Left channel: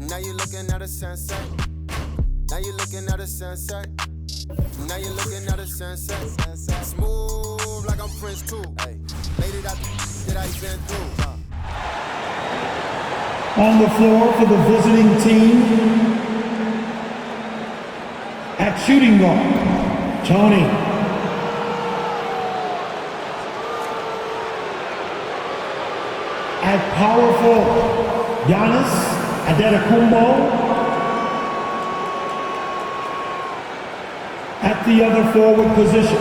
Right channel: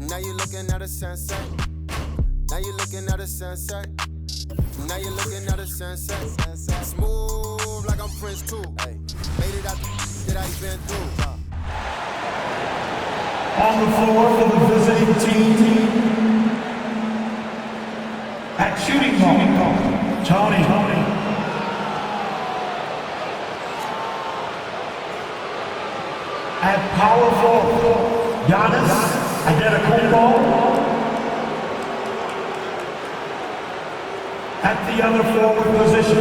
Now you're looking at a sunset. Now you're looking at a sunset. Now you're looking at a sunset. Smooth like I'm Prince too. Made it out that I've been through. On the floor for the visiting team, at shooting guard, Tony. At power forward, Giannis Antetokounmpo. At the other forward position,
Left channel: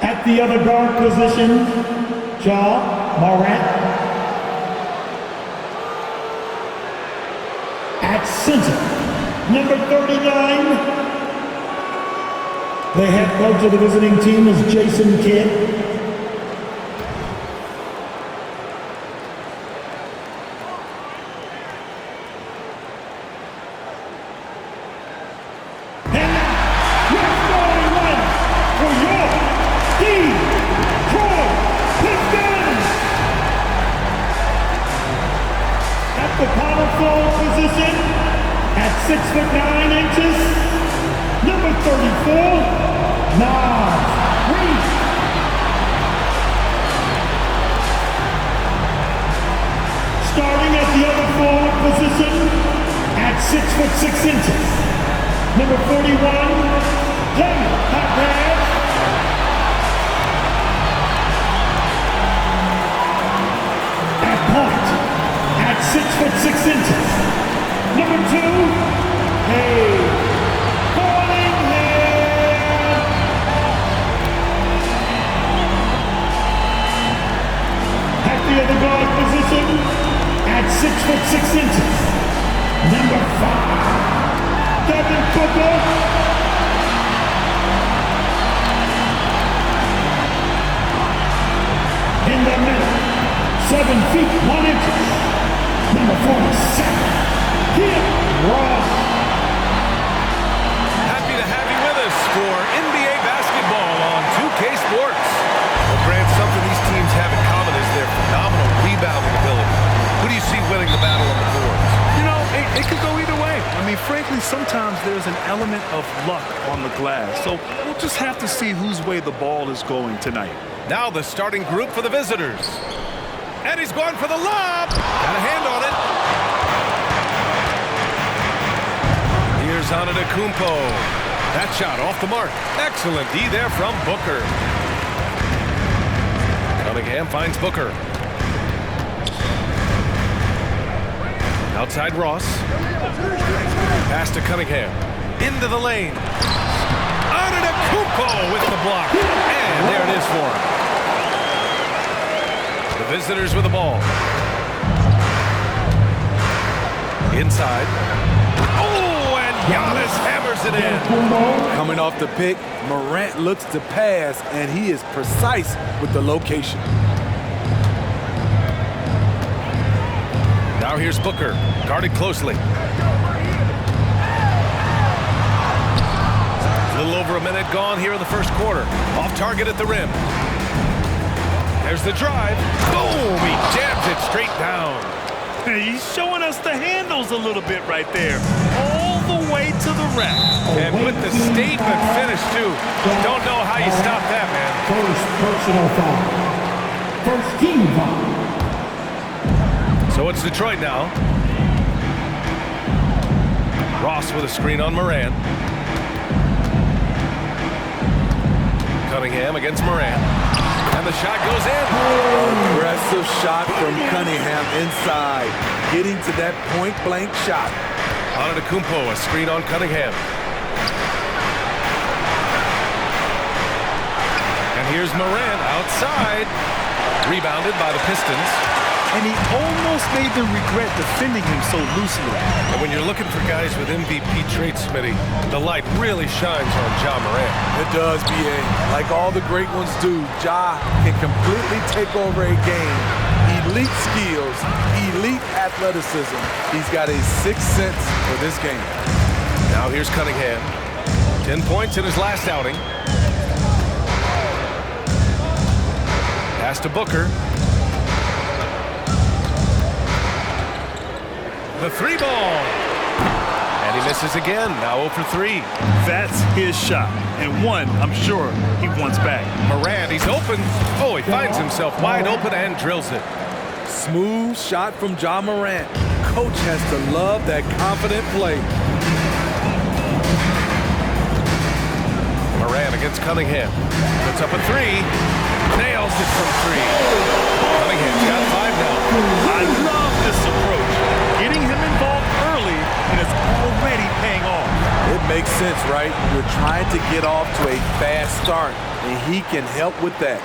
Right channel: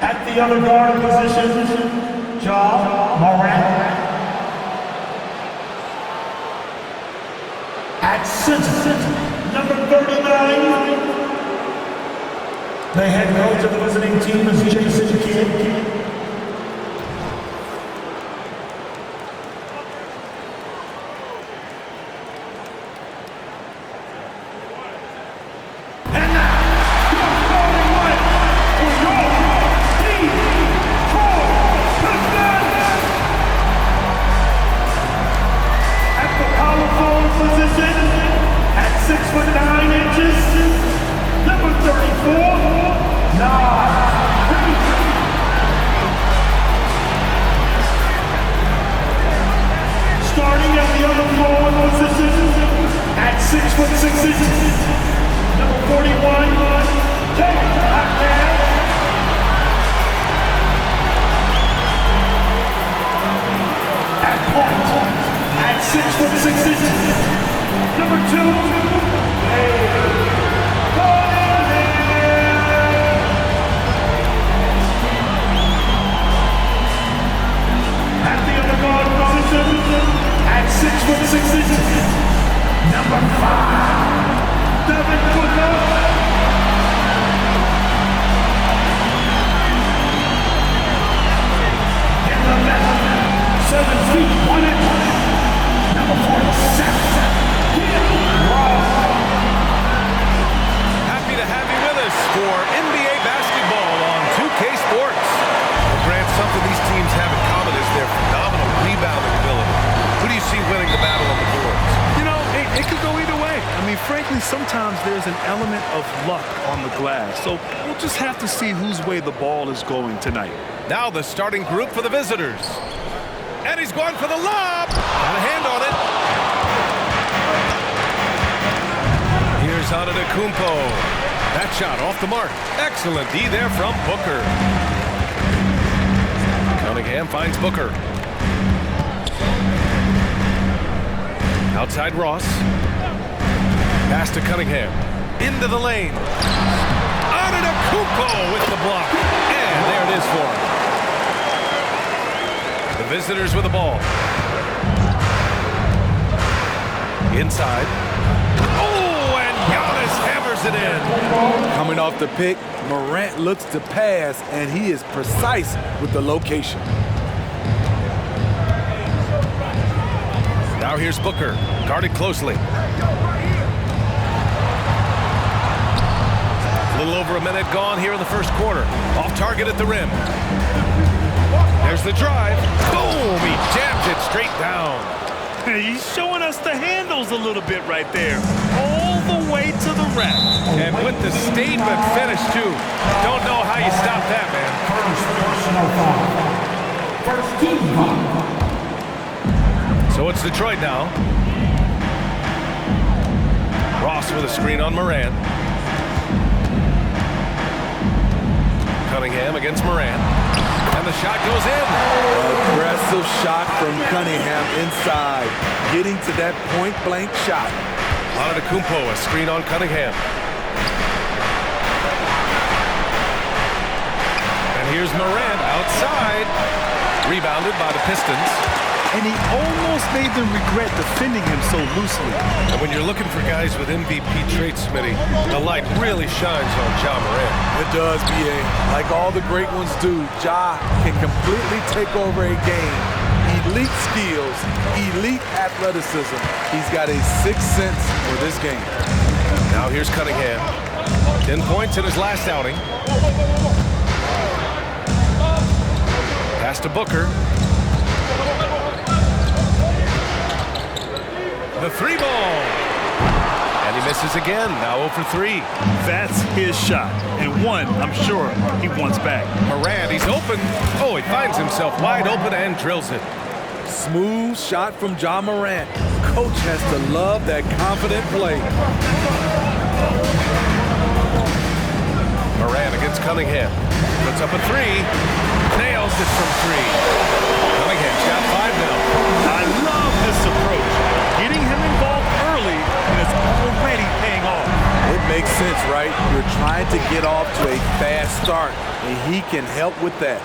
at the other guard position, Ja Morant. At center, number 39, the head coach of the visiting team is Jason Kidd. Position at 6'9", number 34, Naz Reid. Starting at the other forward position at 6'6", number 41, Jamie Hackman. At point at 6'6", number 2, Cunningham. At the other guard position, at 6'6", number 5, Devin Booker. In the middle, 7 feet 1 inch, number 47. Happy to have you with us for NBA basketball on 2K Sports. Well, Grant, something these teams have in common is their phenomenal rebounding ability. Who do you see winning the battle on the boards? You know, it could go either way. I mean, frankly, sometimes there's an element of luck on the glass. So we'll just have to see whose way the ball is going tonight. Now the starting group for the visitors. And he's going for the lob. Got a hand on it. Here's Antetokounmpo. That shot off the mark. Excellent D there from Booker. Cunningham finds Booker. Outside Ross. Pass to Cunningham. Into the lane. Antetokounmpo with the block. And there it is for him. The visitors with the ball. Inside. Oh, and Giannis hammers it in. Coming off the pick, Morant looks to pass, and he is precise with the location. Now here's Booker, guarded closely. A little over a minute gone here in the first quarter. Off target at the rim. There's the drive. Boom! He jams it straight down. He's showing us the handles a little bit right there. All the way to the rack. And with the statement finish, too. Don't know how you stop that, man. First personal foul. First team foul. So it's Detroit now. Ross with a screen on Morant. Cunningham against Morant. And the shot goes in. Aggressive shot from Cunningham inside. Getting to that point-blank shot. Antetokounmpo, a screen on Cunningham. And here's Morant outside. Rebounded by the Pistons. And he almost made them regret defending him so loosely. And when you're looking for guys with MVP traits, Smitty, the light really shines on Ja Morant. It does, B.A. Like all the great ones do, Ja can completely take over a game. Elite skills, elite athleticism. He's got a sixth sense for this game. Now here's Cunningham. 10 points in his last outing. Pass to Booker. The three ball. And he misses again, now 0 for 3. That's his shot, and one I'm sure he wants back. Morant, he's open. Oh, he finds himself wide open and drills it. Smooth shot from Ja Morant. Coach has to love that confident play. Morant against Cunningham. Puts up a 3. Nails it from 3. Cunningham's got 5 now. I love this approach. Getting him involved early, and it's already paying off. It makes sense, right? You're trying to get off to a fast start, and he can help with that.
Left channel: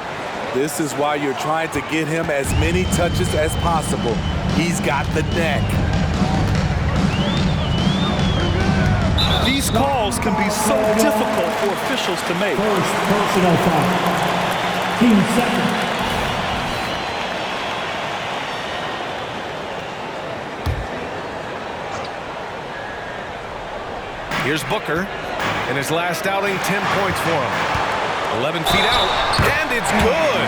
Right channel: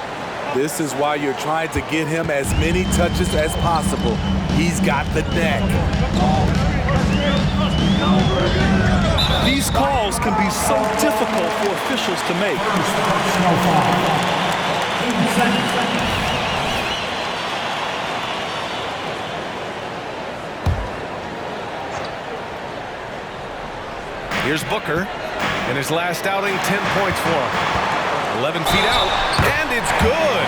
This is why you're trying to get him as many touches as possible. He's got the knack. These calls can be so difficult for officials to make. First personal foul. Team second. Here's Booker. In his last outing, 10 points for him. 11 feet out, and it's good.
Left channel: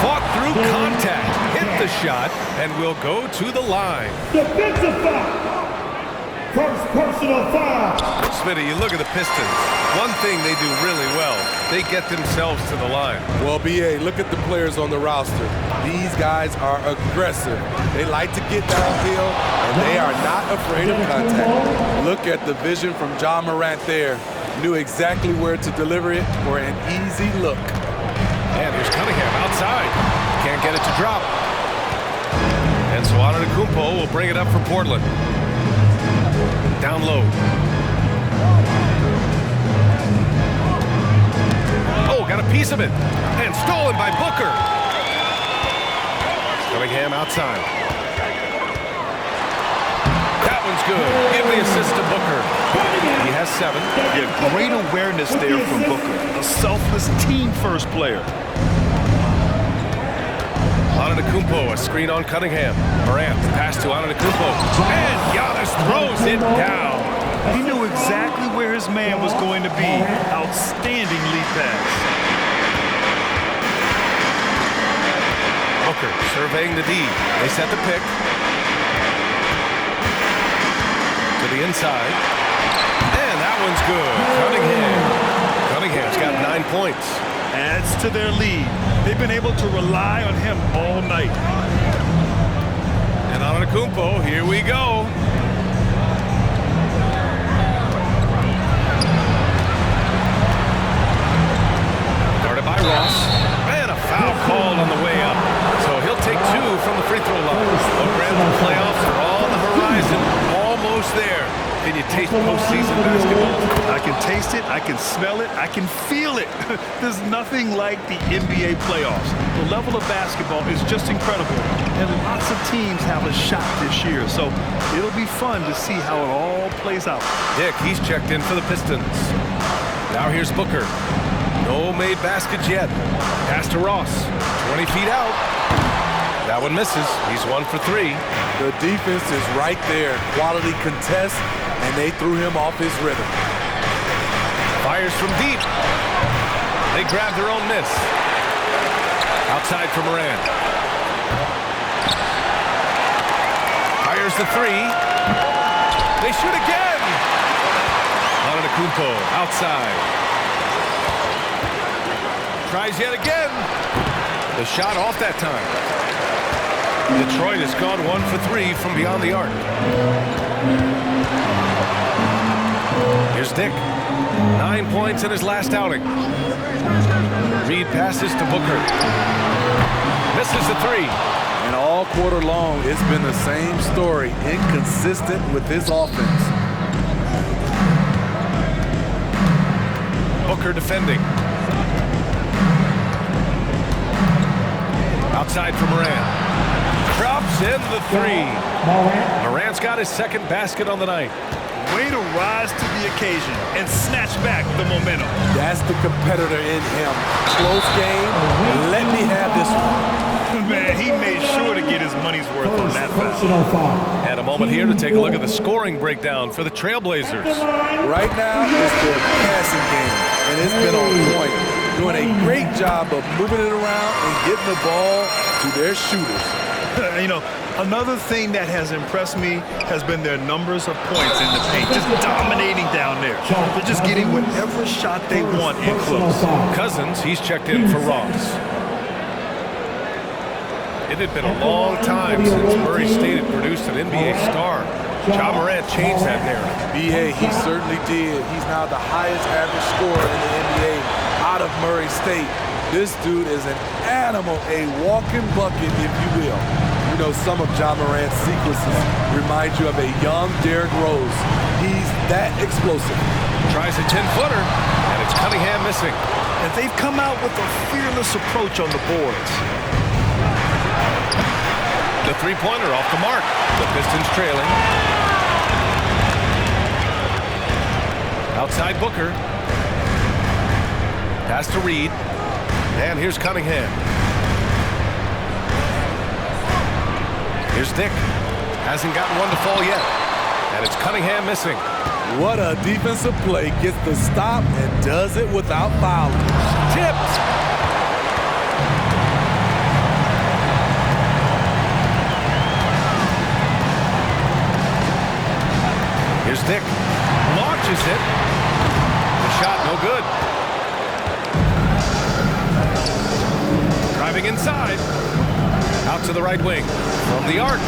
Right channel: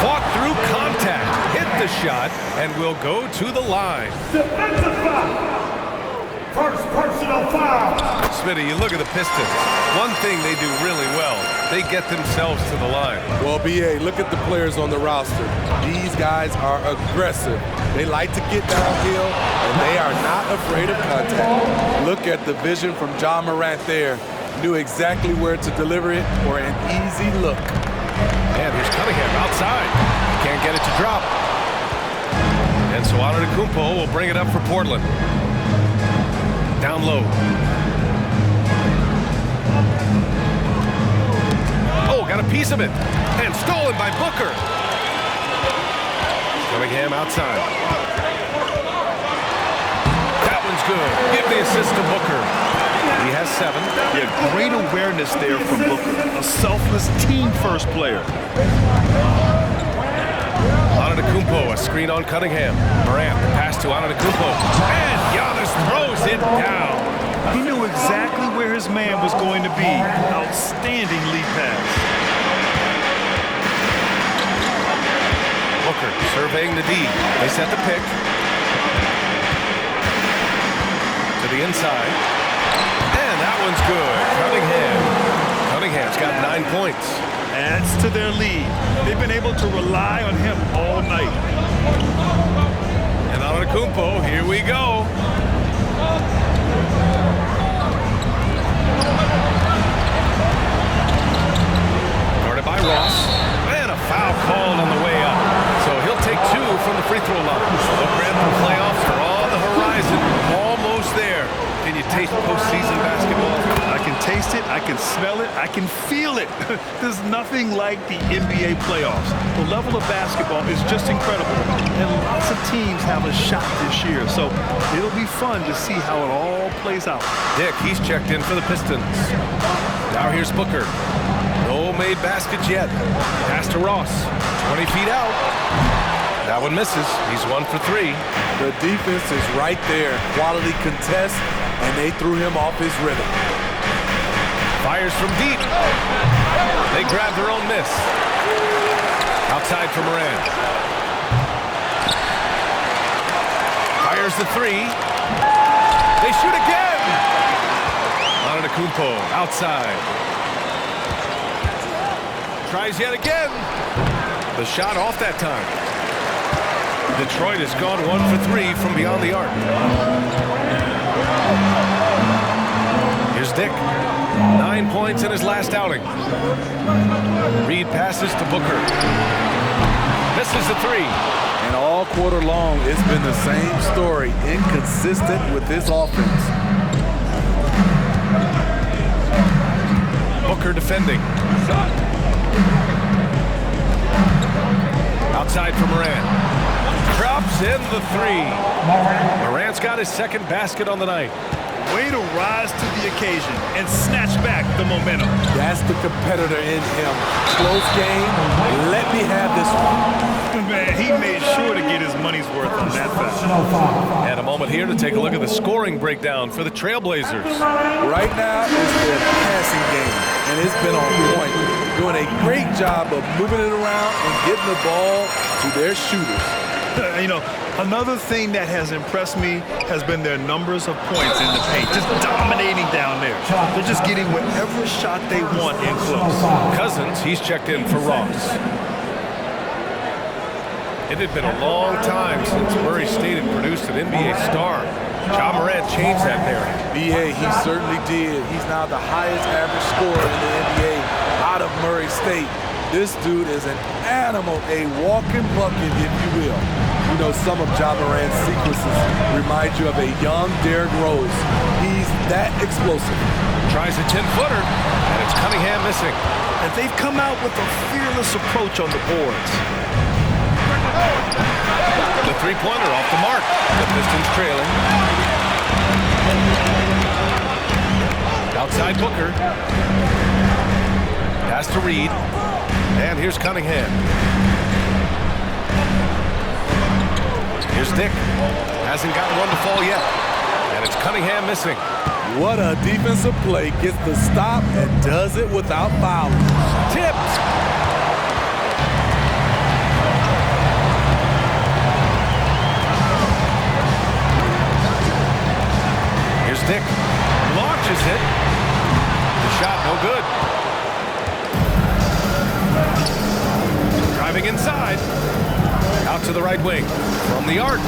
Fought through contact, hit the shot, and will go to the line. Defensive foul. First personal foul. Smitty, you look at the Pistons. One thing they do really well, they get themselves to the line. Well, B.A., look at the players on the roster. These guys are aggressive. They like to get downhill, and they are not afraid of contact. Look at the vision from Ja Morant there. Knew exactly where to deliver it for an easy look. And here's Cunningham outside. Can't get it to drop. And so Antetokounmpo will bring it up for Portland. Down low. Oh, got a piece of it. And stolen by Booker. Cunningham outside. That one's good. Give the assist to Booker. He has 7. Yeah, great awareness there from Booker. A selfless team-first player. Antetokounmpo, a screen on Cunningham. Morant, the pass to Antetokounmpo. And Giannis throws it down. He knew exactly where his man was going to be. Outstanding lead pass. Booker surveying the D. They set the pick. To the inside. And that one's good. Cunningham's got 9 points. Adds to their lead. They've been able to rely on him all night. And Antetokounmpo, here we go. Guarded by Ross. And a foul called on the way up. So he'll take 2 from the free throw line. The Grantham playoffs are on the horizon. Almost there. Can you taste postseason basketball? I can taste it, I can smell it, I can feel it. There's nothing like the NBA playoffs. The level of basketball is just incredible. And lots of teams have a shot this year. So it'll be fun to see how it all plays out. Dick, he's checked in for the Pistons. Now here's Booker. No made baskets yet. Pass to Ross. 20 feet out. That one misses. He's 1 for 3. The defense is right there. Quality contest, and they threw him off his rhythm. Fires from deep. They grab their own miss. Outside for Morant. Fires the 3. They shoot again. Antetokounmpo outside. Tries yet again. The shot off that time. Detroit has gone 1 for 3 from beyond the arc. Here's Dick. 9 points in his last outing. Reed passes to Booker. Misses the 3. And all quarter long, it's been the same story. Inconsistent with his offense. Booker defending. Outside for Morant. Drops in the 3. Morant's got his 2nd basket on the night. Way to rise to the occasion and snatch back the momentum. That's the competitor in him. Close game. Let me have this one. Man, he made sure to get his money's worth on that foul. And a moment here to take a look at the scoring breakdown for the Trailblazers. Right now, it's their passing game, and it's been on point. doing a great job of moving it around and getting the ball to their shooters. You know, another thing that has impressed me has been their numbers of points in the paint, just dominating down there. They're just getting whatever shot they want in close. Cousins, he's checked in for Ross. It had been a long time since Murray State had produced an NBA star. Ja Morant changed that narrative. B.A., he certainly did. He's now the highest average scorer in the NBA out of Murray State. This dude is an animal, a walking bucket, if you will. You know, some of Ja Morant's sequences remind you of a young Derrick Rose. He's that explosive. Tries a 10-footer, and it's Cunningham missing. And they've come out with a fearless approach on the boards. The three-pointer off the mark. The Pistons trailing. Outside Booker. Pass to Reed. And here's Cunningham. Here's Dick. Hasn't gotten one to fall yet. And it's Cunningham missing. What a defensive play. Gets the stop and does it without fouling. Tipped. Here's Dick. Launches it. The shot no good. Driving inside. Out to the right wing. From the arc.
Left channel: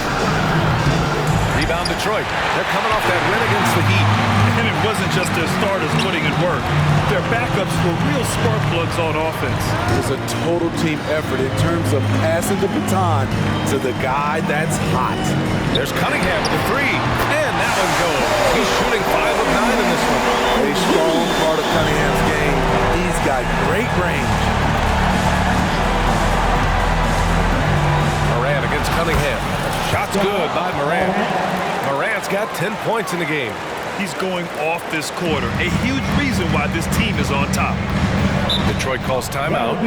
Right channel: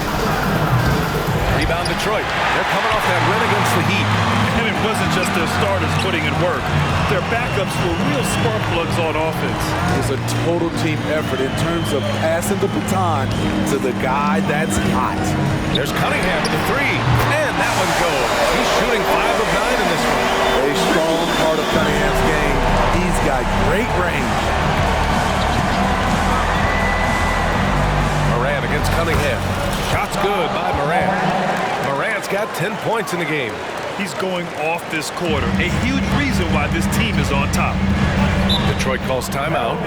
Rebound Detroit. They're coming off that win against the Heat. And it wasn't just their starters putting in work. Their backups were real spark plugs on offense. It was a total team effort in terms of passing the baton to the guy that's hot. There's Cunningham with a three. And that one goes. He's shooting 5 of 9 in this one. A strong part of Cunningham's game. He's got great range. Morant against Cunningham. Shot's good by Morant. Morant's got 10 points in the game. He's going off this quarter. A huge reason why this team is on top. Detroit calls timeout.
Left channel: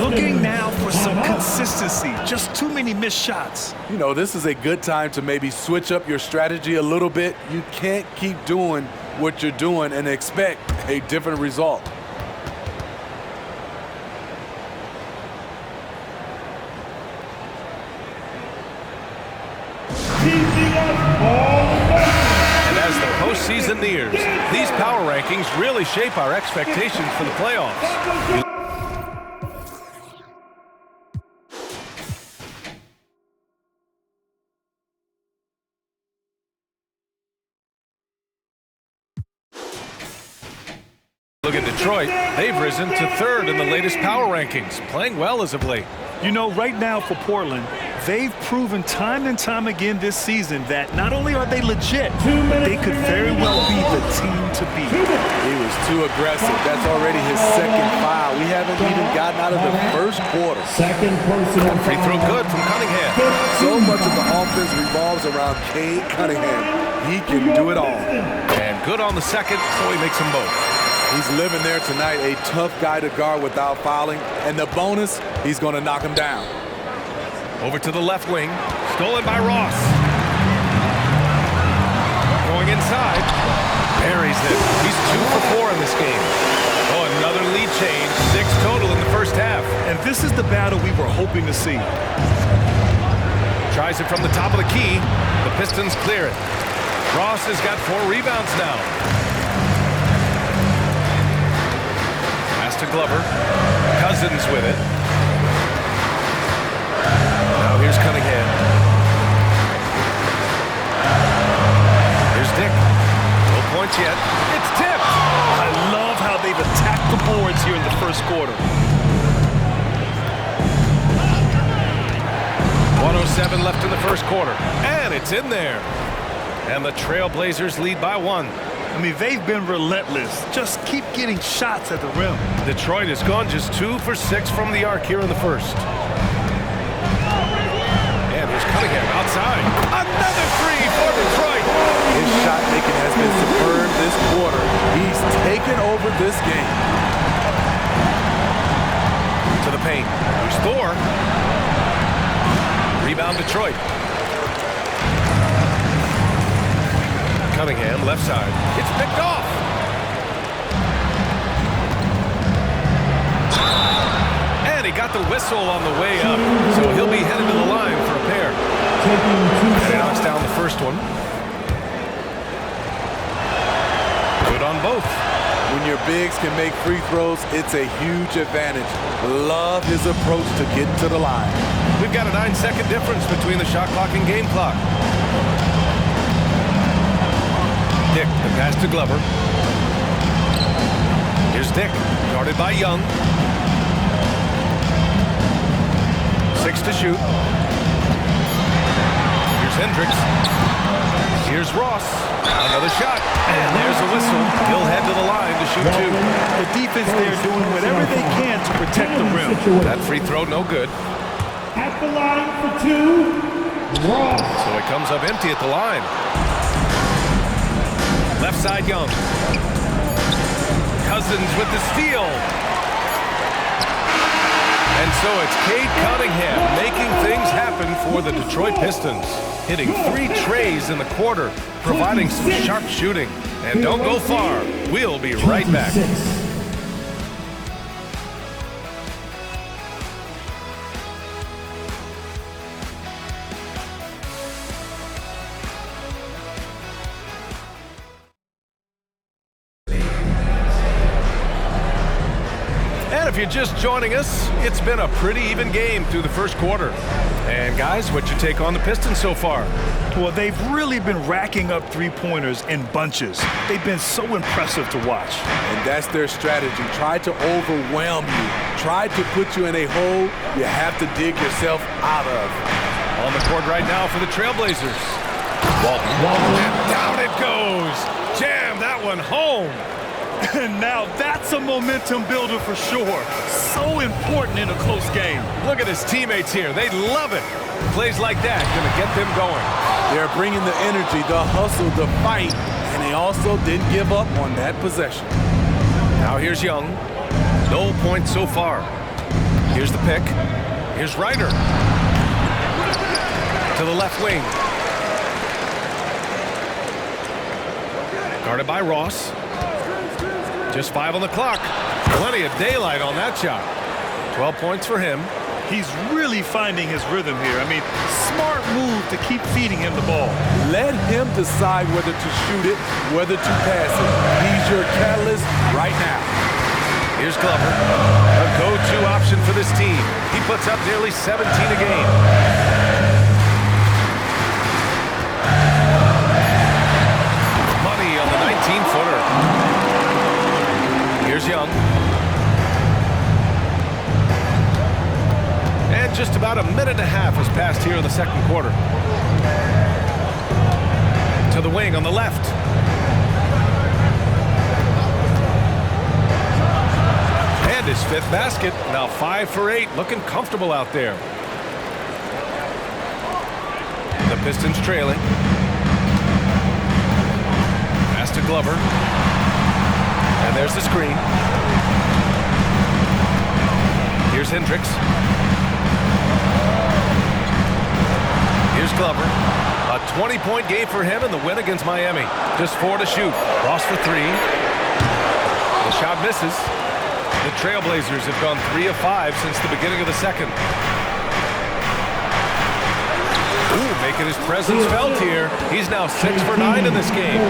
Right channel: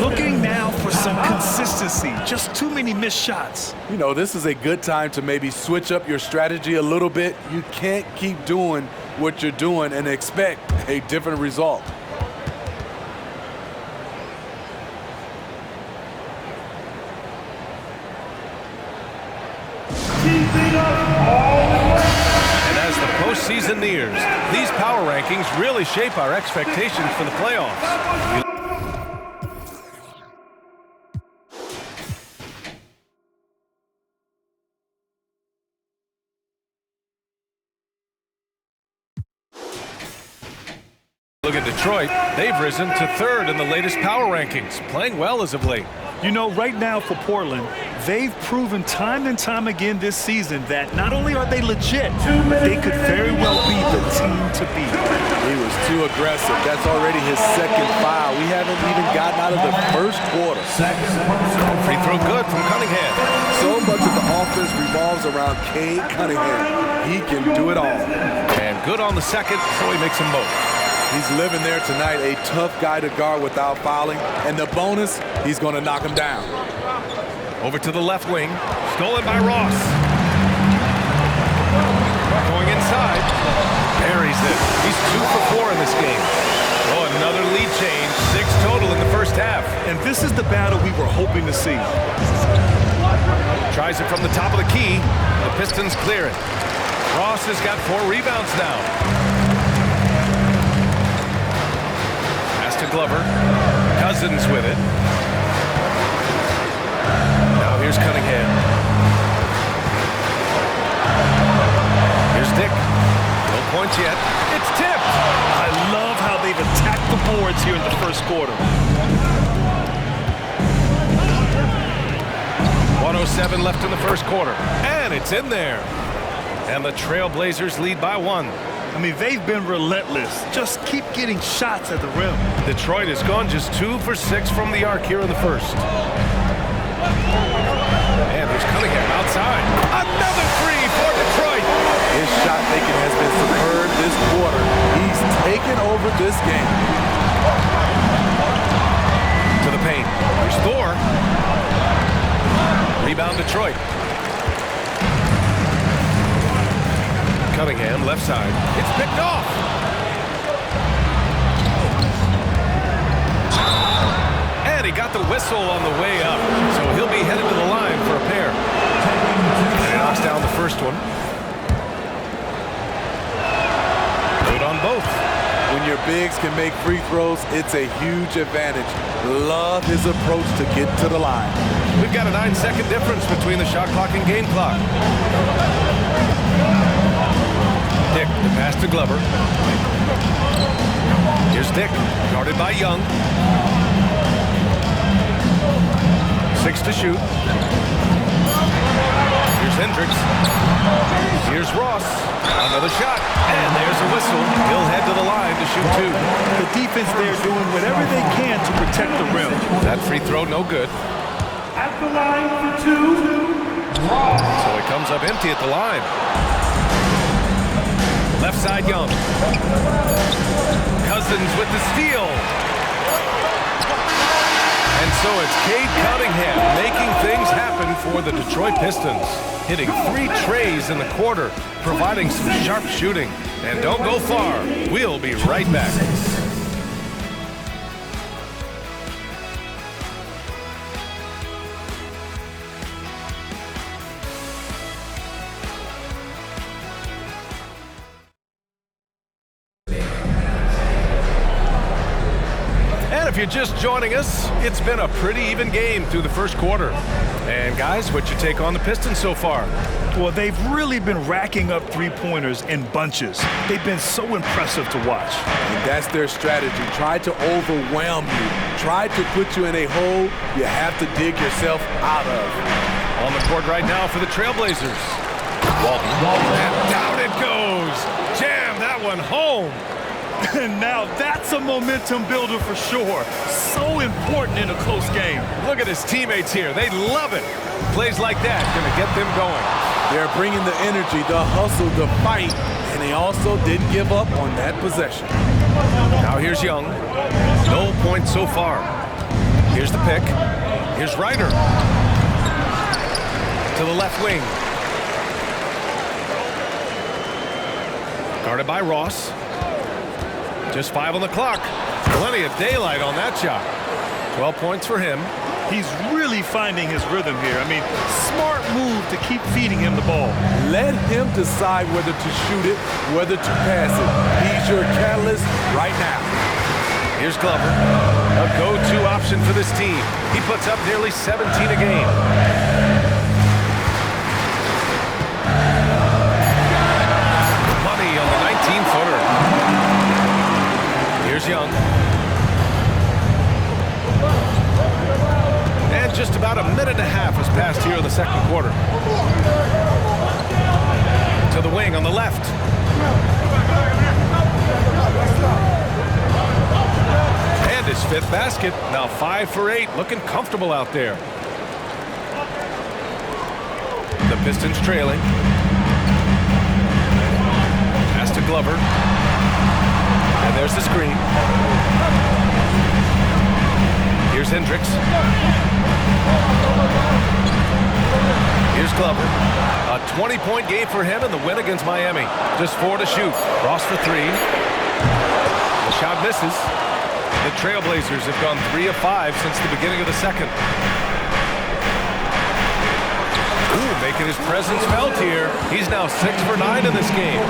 Looking now for some consistency. Just too many missed shots. You know, this is a good time to maybe switch up your strategy a little bit. You can't keep doing what you're doing and expect a different result. And as the postseason nears, these power rankings really shape our expectations for the playoffs. Look at Detroit. They've risen to 3rd in the latest power rankings, playing well as of late. You know, right now for Portland, they've proven time and time again this season that not only are they legit, but they could very well be the team to beat. He was too aggressive. That's already his second foul. We haven't even gotten out of the first quarter. Free throw good from Cunningham. So much of the offense revolves around Cade Cunningham. He can do it all. And good on the second, so he makes them both. He's living there tonight, a tough guy to guard without fouling. And the bonus, he's going to knock him down. Over to the left wing. Stolen by Ross. Going inside. Buries it. He's 2 for 4 in this game. Oh, another lead change. 6 total in the first half. And this is the battle we were hoping to see. Tries it from the top of the key. The Pistons clear it. Ross has got 4 rebounds now. Pass to Glover. Cousins with it. Now here's Cunningham. Here's Dick. No points yet. It's tipped. I love how they've attacked the boards here in the first quarter. 1:07 left in the first quarter. And it's in there. And the Trailblazers lead by 1. I mean, they've been relentless. Just keep getting shots at the rim. Detroit has gone just 2 for 6 from the arc here in the first. And here's Cunningham outside. Another 3 for Detroit. His shot making has been superb this quarter. He's taken over this game. To the paint. Here's Thor. Rebound Detroit. Cunningham, left side. It's picked off. And he got the whistle on the way up, so he'll be headed to the line for a pair. And he knocks down the first one. Good on both. When your bigs can make free throws, it's a huge advantage. Love his approach to get to the line. We've got a 9-second difference between the shot clock and game clock. Dick, the pass to Glover. Here's Dick, guarded by Young. 6 to shoot. Here's Hendricks. Here's Ross. Another shot. And there's a whistle. He'll head to the line to shoot 2. The defense there doing whatever they can to protect the rim. That free throw, no good. At the line for 2, Ross. So it comes up empty at the line. Left side, Young. Cousins with the steal. And so it's Cade Cunningham making things happen for the Detroit Pistons. Hitting 3 trays in the quarter, providing some sharp shooting. And don't go far. We'll be right back. And if you're just joining us, it's been a pretty even game through the first quarter. And guys, what's your take on the Pistons so far? Well, they've really been racking up three-pointers in bunches. They've been so impressive to watch. And that's their strategy. Try to overwhelm you. Try to put you in a hole you have to dig yourself out of. On the court right now for the Trailblazers. Walton. And down it goes. Jam that one home. And now that's a momentum builder for sure. So important in a close game. Look at his teammates here. They love it. Plays like that going to get them going. They're bringing the energy, the hustle, the fight, and they also didn't give up on that possession. Now here's Young. No points so far. Here's the pick. Here's Ryder. To the left wing. Guarded by Ross. Just 5 on the clock. Plenty of daylight on that shot. 12 points for him. He's really finding his rhythm here. I mean, smart move to keep feeding him the ball. Let him decide whether to shoot it, whether to pass it. He's your catalyst right now. Here's Glover. A go-to option for this team. He puts up nearly 17 a game. Money on the 19-footer. Here's Young. And just about a minute and a half has passed here in the second quarter. To the wing on the left. And his 5th basket. Now 5 for 8. Looking comfortable out there. The Pistons trailing. Pass to Glover. And there's the screen. Here's Hendricks. Here's Glover. A 20-point game for him in the win against Miami. Just 4 to shoot. Ross for 3. The shot misses. The Trailblazers have gone 3 of 5 since the beginning of the second. Ooh, making his presence felt here. He's now 6 for 9 in this game.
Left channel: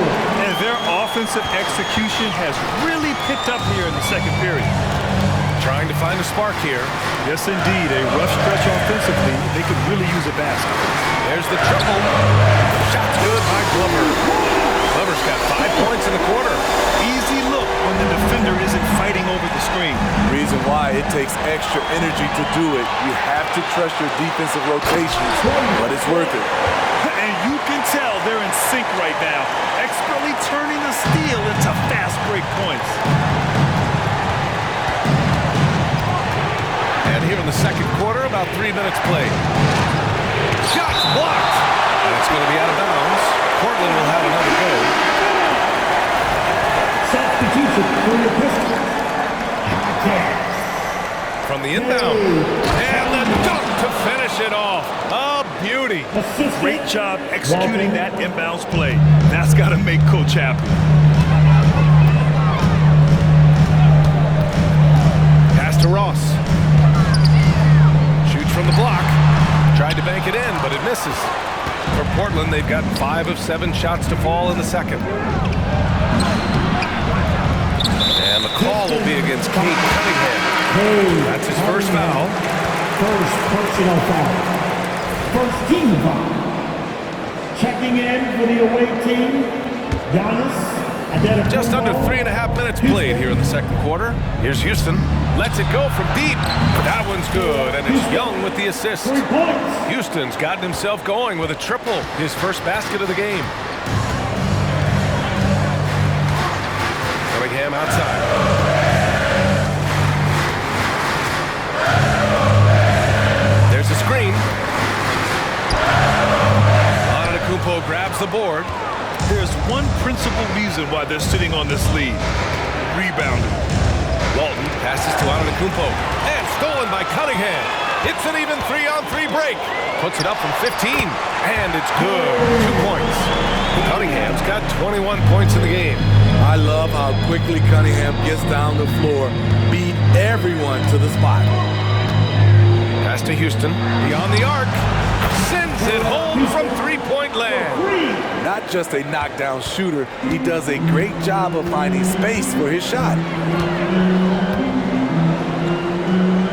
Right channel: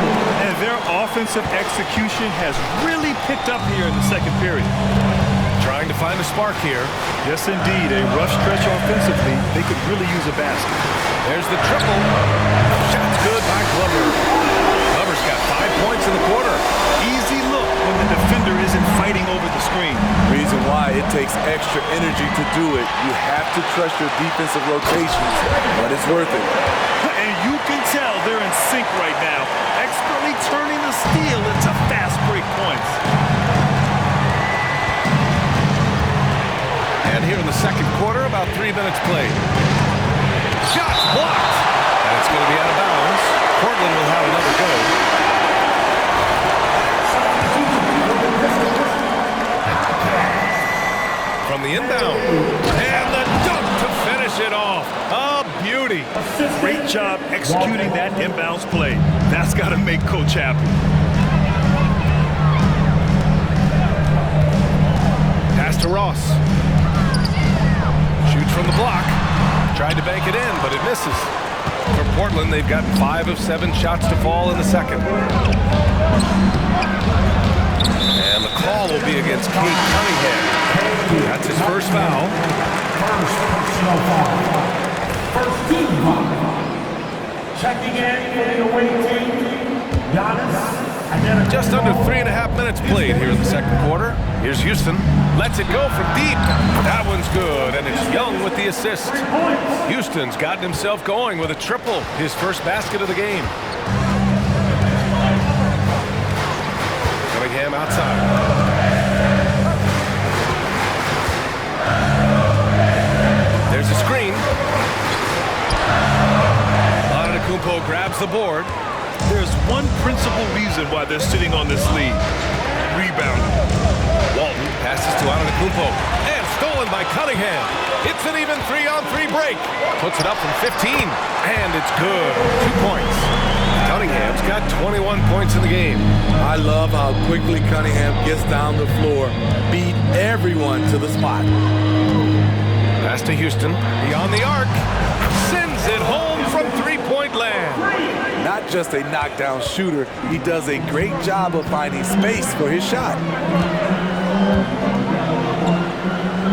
And their offensive execution has really picked up here in the second period. Trying to find a spark here. Yes, indeed. A rough stretch offensively. They could really use a basket. There's the triple. Shot's good by Glover. Glover's got 5 points in the quarter. Easy look when the defender isn't fighting over the screen. Reason why it takes extra energy to do it. You have to trust your defensive rotations, but it's worth it. And you can tell they're in sync right now, expertly turning the steal into fast break points. And here in the second quarter, about 3 minutes played. Shots blocked. And it's going to be out of bounds. Portland will have another go. From the inbound. And the dunk to finish it off. A beauty. Great job executing that inbounds play. That's got to make Coach happy. Pass to Ross. Shoots from the block. Tried to bank it in, but it misses. For Portland, they've gotten 5 of 7 shots to fall in the second. And the call will be against Cade Cunningham. That's his first foul. First personal foul. First team foul. Checking in for the away team, Giannis. Just under 3.5 minutes played here in the second quarter. Here's Houston. Lets it go from deep. That one's good, and it's Young with the assist. 3 points. Houston's gotten himself going with a triple, his first basket of the game. Cunningham outside. There's a screen. Antetokounmpo grabs the board. There's one principal reason why they're sitting on this lead. Rebounding. Walton passes to Antetokounmpo. And stolen by Cunningham. It's an even 3-on-3 break. Puts it up from 15. And it's good. 2 points. Cunningham's got 21 points in the game. I love how quickly Cunningham gets down the floor, beat everyone to the spot. Pass to Houston. Beyond the arc. Sends it home from three-point land. Not just a knockdown shooter, he does a great job of finding space for his shot.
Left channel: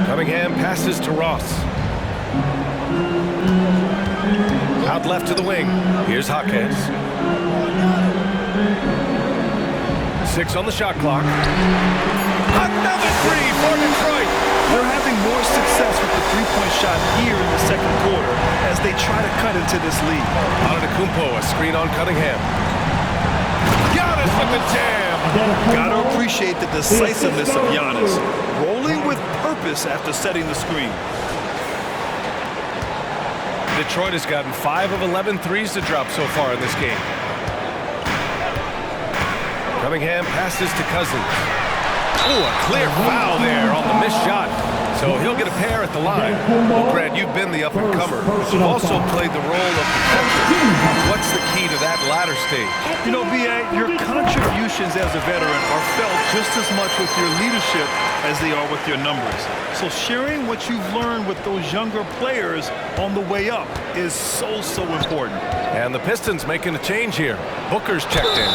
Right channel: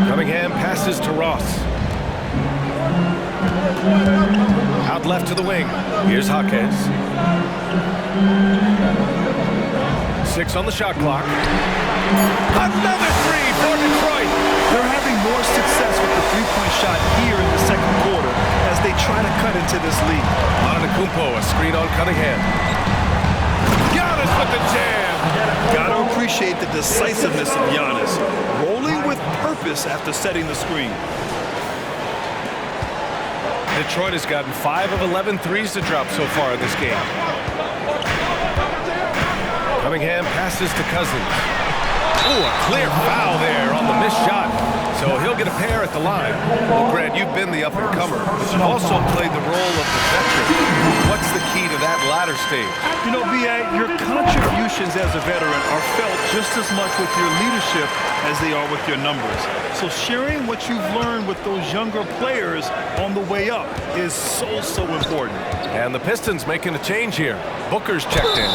Cunningham passes to Ross. Out left to the wing. Here's Jaquez. 6 on the shot clock. Another 3 for Detroit. They're having more success with the three-point shot here in the second quarter as they try to cut into this lead. Antetokounmpo, a screen on Cunningham. Giannis with the jam. Gotta appreciate the decisiveness of Giannis, rolling with purpose after setting the screen. Detroit has gotten 5 of 11 threes to drop so far in this game. Cunningham passes to Cousins. Ooh, a clear foul there on the missed shot. So he'll get a pair at the line. Well, Grant, you've been the up-and-comer, but you've also played the role of the veteran. What's the key to that latter stage? You know, B.A., your contributions as a veteran are felt just as much with your leadership as they are with your numbers. So sharing what you've learned with those younger players on the way up is so important. And the Pistons making a change here. Booker's checked in.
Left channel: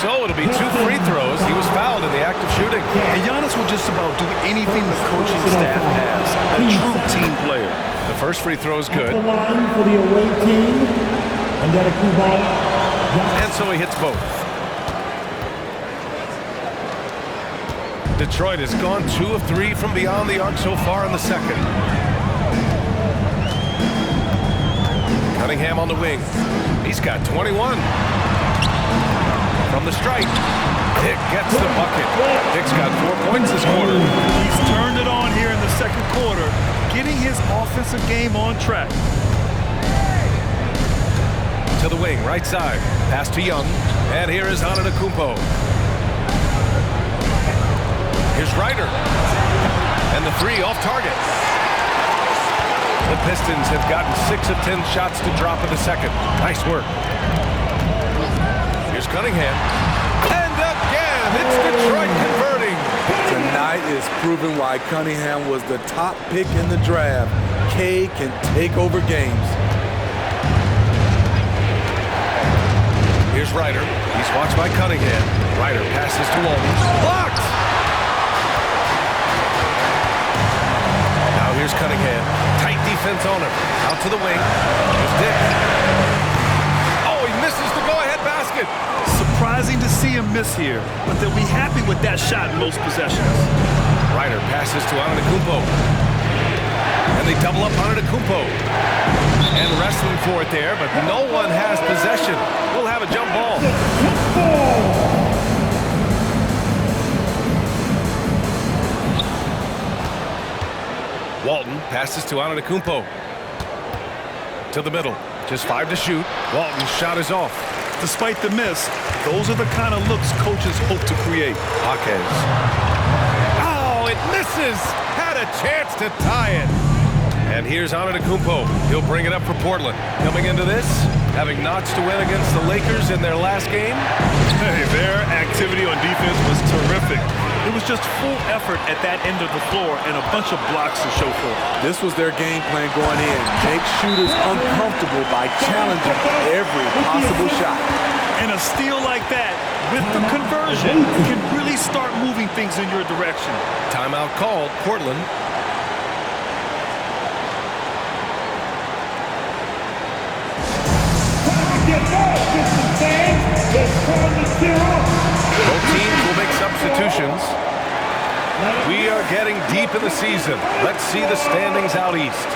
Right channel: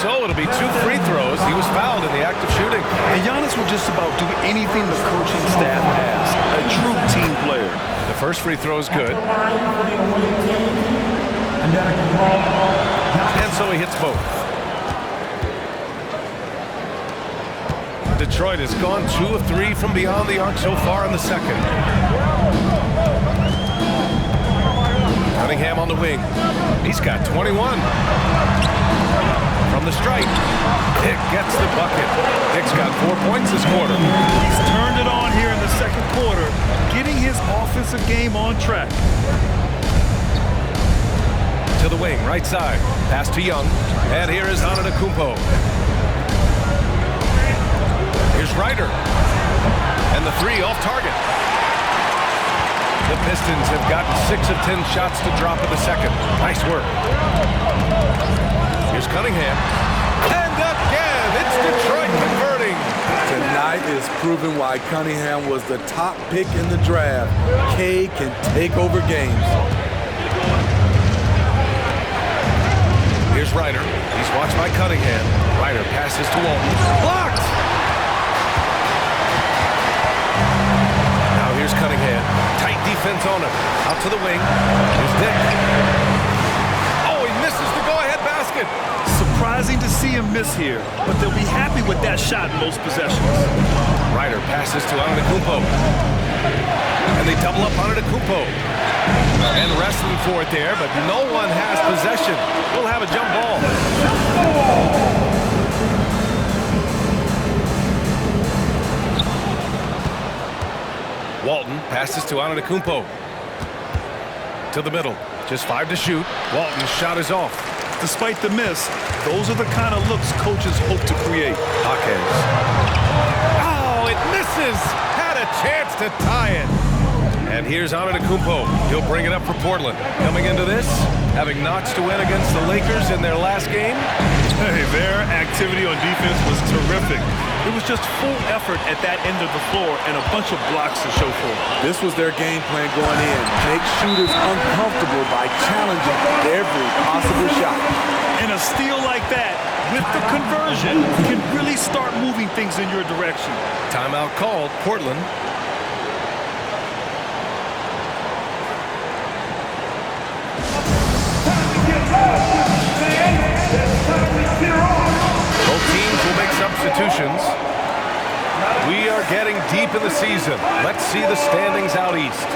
So it'll be 2 free throws. He was fouled in the act of shooting. And Giannis will just about do anything the coaching staff asks. A true team player. The first free throw is good. For the away team, And so he hits both. Detroit has gone 2 of 3 from beyond the arc so far in the second. Cunningham on the wing. He's got 21. From the stripe, Dick gets the bucket. Dick's got 4 points this quarter. He's turned it on here in the second quarter, getting his offensive game on track. To the wing, right side. Pass to Young. And here is Antetokounmpo. Here's Ryder. And the 3 off target. The Pistons have gotten 6 of 10 shots to drop in the second. Nice work. Here's Cunningham. And again, it's Detroit converting. Tonight is proving why Cunningham was the top pick in the draft. K can take over games. Here's Ryder. He's watched by Cunningham. Ryder passes to Walton. Blocked! Now here's Cunningham. Tight defense on him. Out to the wing. Here's Dick. Oh, he misses the go-ahead basket. Surprising to see him miss here, but they'll be happy with that shot in most possessions. Ryder passes to Antetokounmpo. And they double up Antetokounmpo. And wrestling for it there, but no one has possession. We'll have a jump ball. Walton passes to Antetokounmpo. To the middle. Just 5 to shoot. Walton's shot is off. Despite the miss, those are the kind of looks coaches hope to create. Jaquez. Oh, it misses! Had a chance to tie it. And here's Antetokounmpo. He'll bring it up for Portland. Coming into this, having notched to win against the Lakers in their last game. Hey, their activity on defense was terrific. It was just full effort at that end of the floor and a bunch of blocks to show for it. This was their game plan going in. Make shooters uncomfortable by challenging every possible shot. And a steal like that, with the conversion, can really start moving things in your direction. Timeout called, Portland. Both teams will make substitutions. We are getting deep in the season. Let's see the standings out east.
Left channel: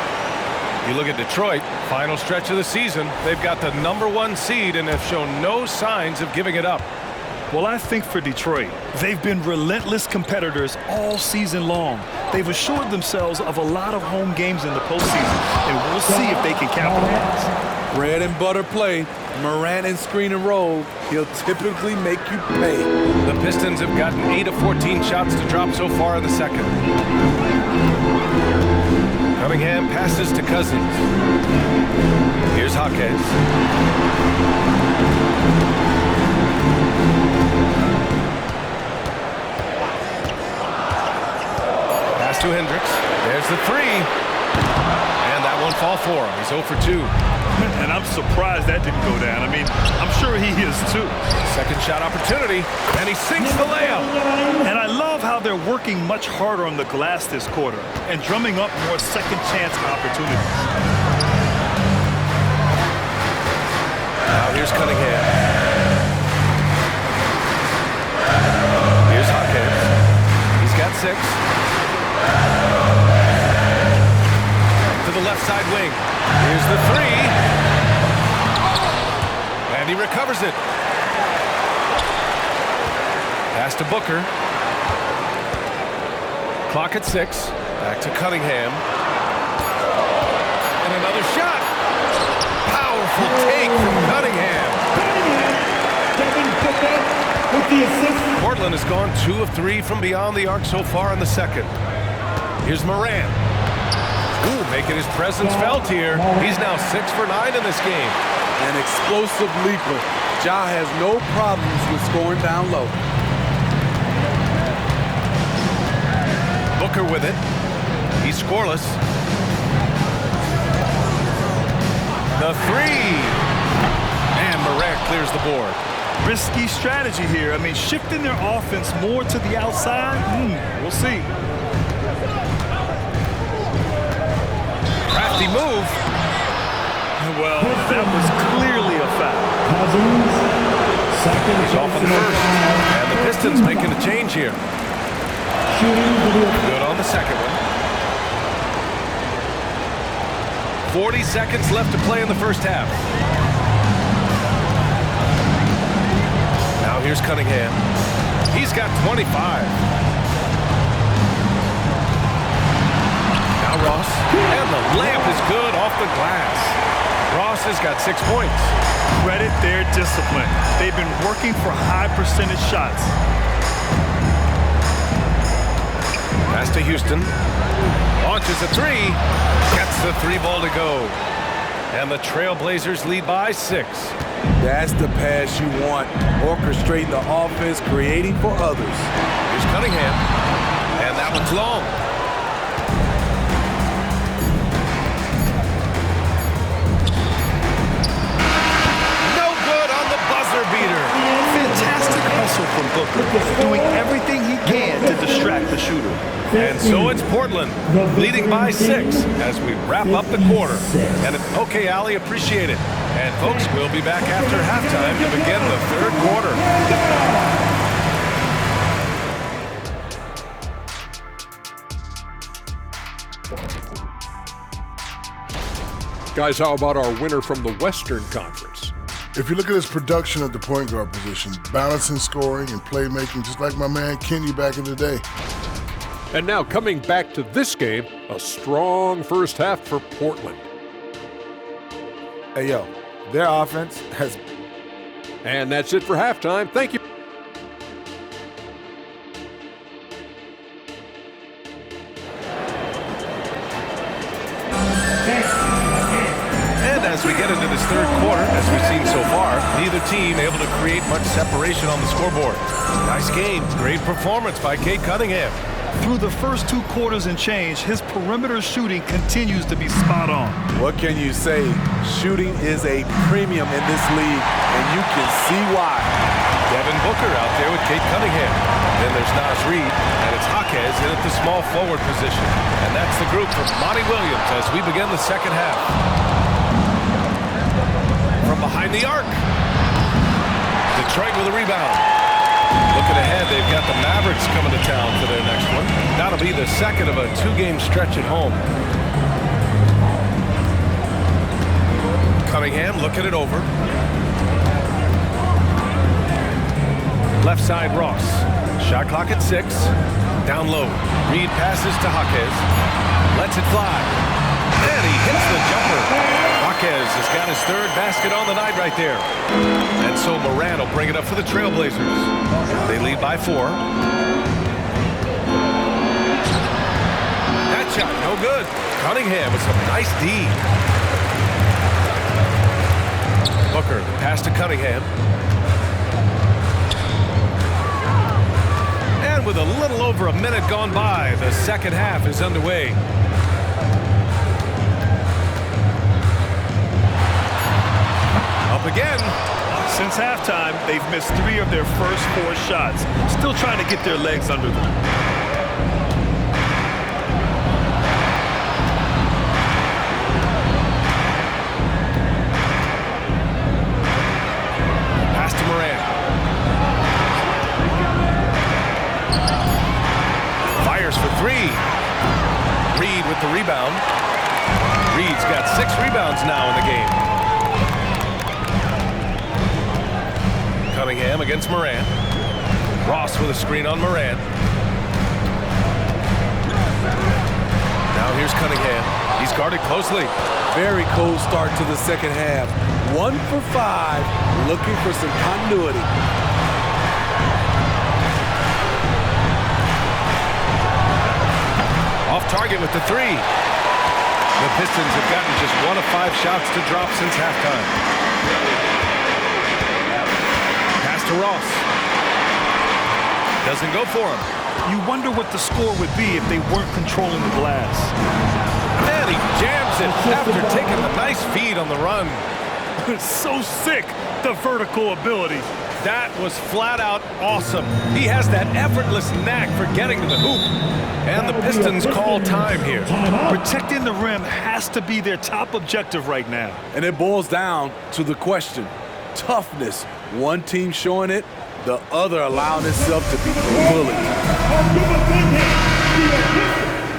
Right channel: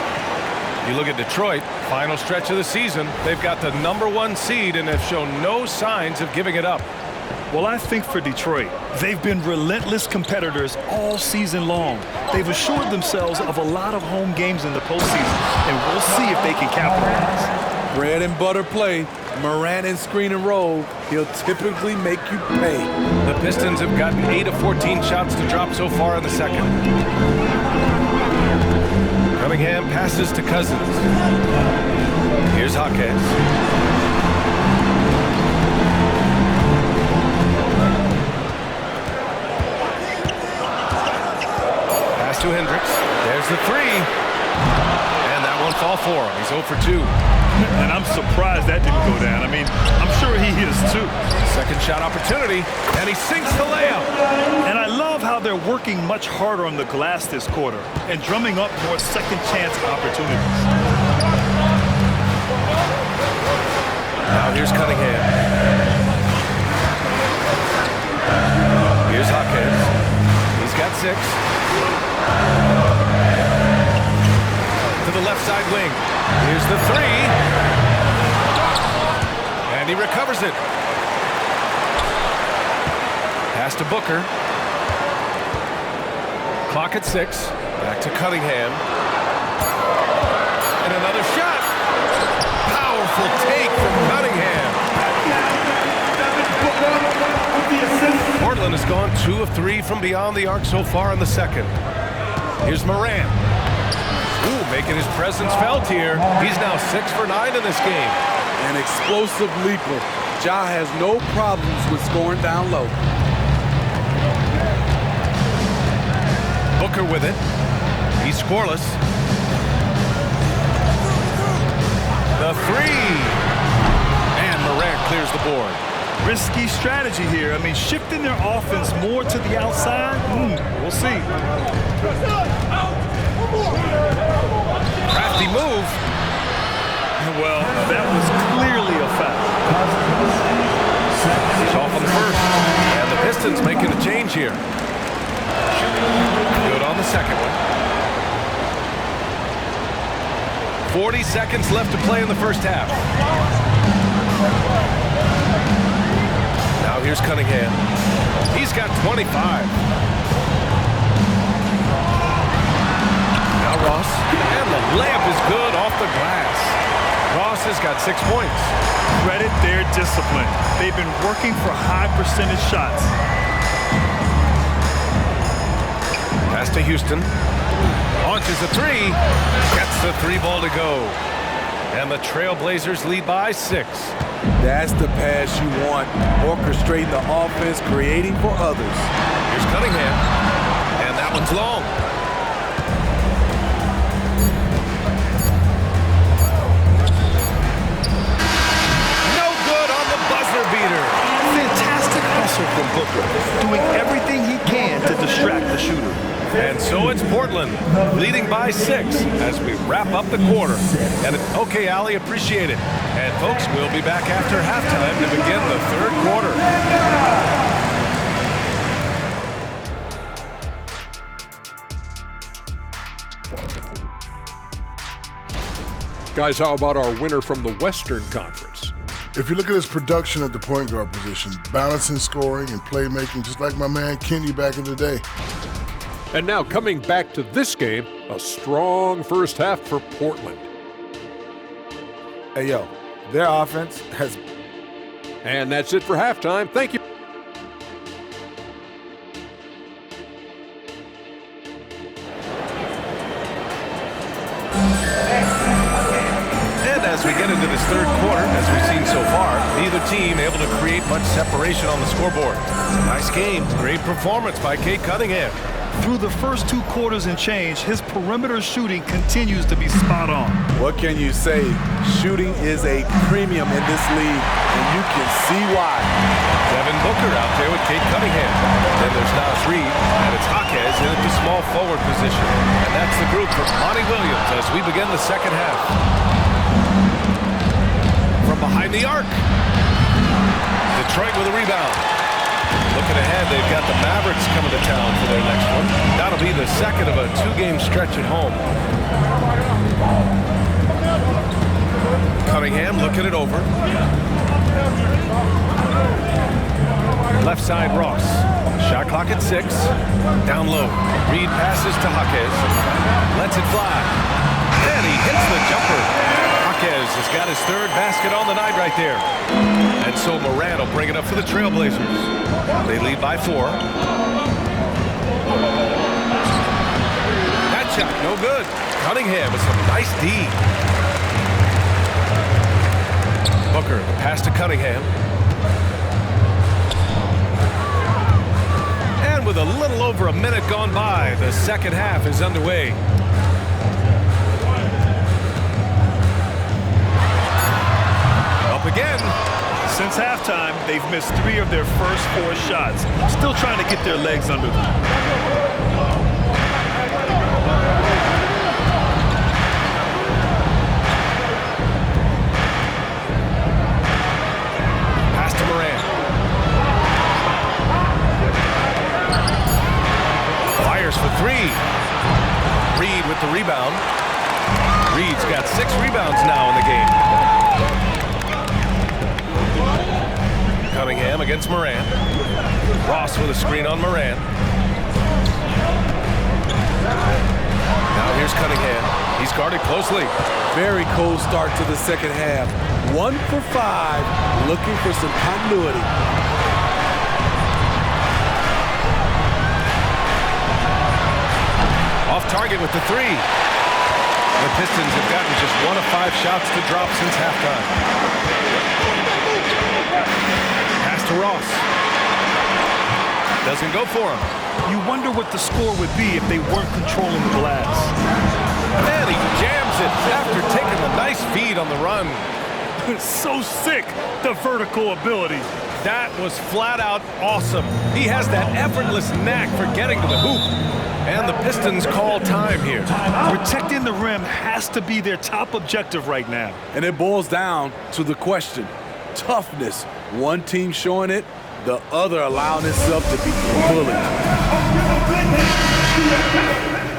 You look at Detroit, final stretch of the season. They've got the #1 seed and have shown no signs of giving it up. Well, I think for Detroit, they've been relentless competitors all season long. They've assured themselves of a lot of home games in the postseason, and we'll see if they can capitalize. Bread and butter play. Morant and screen and roll. He'll typically make you pay. The Pistons have gotten 8 of 14 shots to drop so far in the second. Cunningham passes to Cousins. Here's Jaquez. Pass to Hendricks. There's the three. And that won't fall for him. He's 0 for 2. And I'm surprised that didn't go down. I mean, I'm sure he is too. Second shot opportunity, and he sinks the layup. And I love how they're working much harder on the glass this quarter and drumming up more second chance opportunities. Now here's Cunningham. Here's Jaquez. He's got 6. To the left side wing. Here's the 3. And he recovers it. Pass to Booker. Clock at 6. Back to Cunningham. And another shot. Powerful take from Cunningham. Portland has gone 2 of 3 from beyond the arc so far in the second. Here's Morant. Ooh, making his presence felt here. He's now 6 for 9 in this game. An explosive leaper. Ja has no problems with scoring down low. Booker with it. He's scoreless. The 3. And Morant clears the board. Risky strategy here. I mean, shifting their offense more to the outside. We'll see. Crafty move. Well, that was clearly a foul. He's off on the first. And the Pistons making a change here. Good on the second one. 40 seconds left to play in the first half. Now here's Cunningham. He's got 25. Now Ross. And the layup is good off the glass. Ross has got 6 points. Credit their discipline. They've been working for high percentage shots. Pass to Houston. Launches a 3. Gets the 3 ball to go. And the Trailblazers lead by 6. That's the pass you want. Orchestrating the offense, creating for others. Here's Cunningham. And that one's long. No good on the buzzer beater. Fantastic hustle from Booker, doing everything he can to distract the shooter. And so it's Portland, leading by 6 as we wrap up the quarter. And okay, Allie, appreciate it. And folks, we'll be back after halftime to begin the third quarter. Guys, how about our winner from the Western Conference? If you look at his production at the point guard position, balancing scoring and playmaking, just like my man Kenny back in the day. And now coming back to this game, a strong first half for Portland. Hey, yo, their offense has... And that's it for halftime. Thank you. And as we get into this third quarter, as we've seen so far, neither team able to create much separation on the scoreboard. Nice game. Great performance by Cade Cunningham. Through the first 2 quarters and change, his perimeter shooting continues to be spot on. What can you say? Shooting is a premium in this league, and you can see why. Devin Booker out there with Cade Cunningham. Then there's Naz Reid, and it's Jaquez in at the small forward position. And that's the group for Monty Williams as we begin the second half. From behind the arc. Detroit with a rebound. Looking ahead, they've got the Mavericks coming to town for their next one. That'll be the second of a 2-game stretch at home. Cunningham looking it over. Left side, Ross. Shot clock at 6. Down low. Reid passes to Jaquez. Lets it fly. And he hits the jumper. Jaquez has got his 3rd basket on the night right there. And so Morant will bring it up for the Trailblazers. They lead by 4. That shot, no good. Cunningham with some nice D. Booker, the pass to Cunningham. And with a little over a minute gone by, the second half is underway. Up again. Since halftime, they've missed 3 of their first 4 shots. Still trying to get their legs under them. Pass to Morant. Fires for 3. Reid with the rebound. Reid's got 6 rebounds now in the game. Cunningham against Morant. Ross with a screen on Morant. Now here's Cunningham. He's guarded closely. Very cold start to the second half. 1 for 5, looking for some continuity. Off target with the 3. The Pistons have gotten just 1 of 5 shots to drop since halftime. Pass to Ross. Doesn't go for him. You wonder what the score would be if they weren't controlling the glass. And he jams it after taking the nice feed on the run. So sick, the vertical ability. That was flat out awesome. He has that effortless knack for getting to the hoop. And the Pistons call time here. Protecting the rim has to be their top objective right now. And it boils down to the question. Toughness. One team showing it, the other allowing itself to be bullied.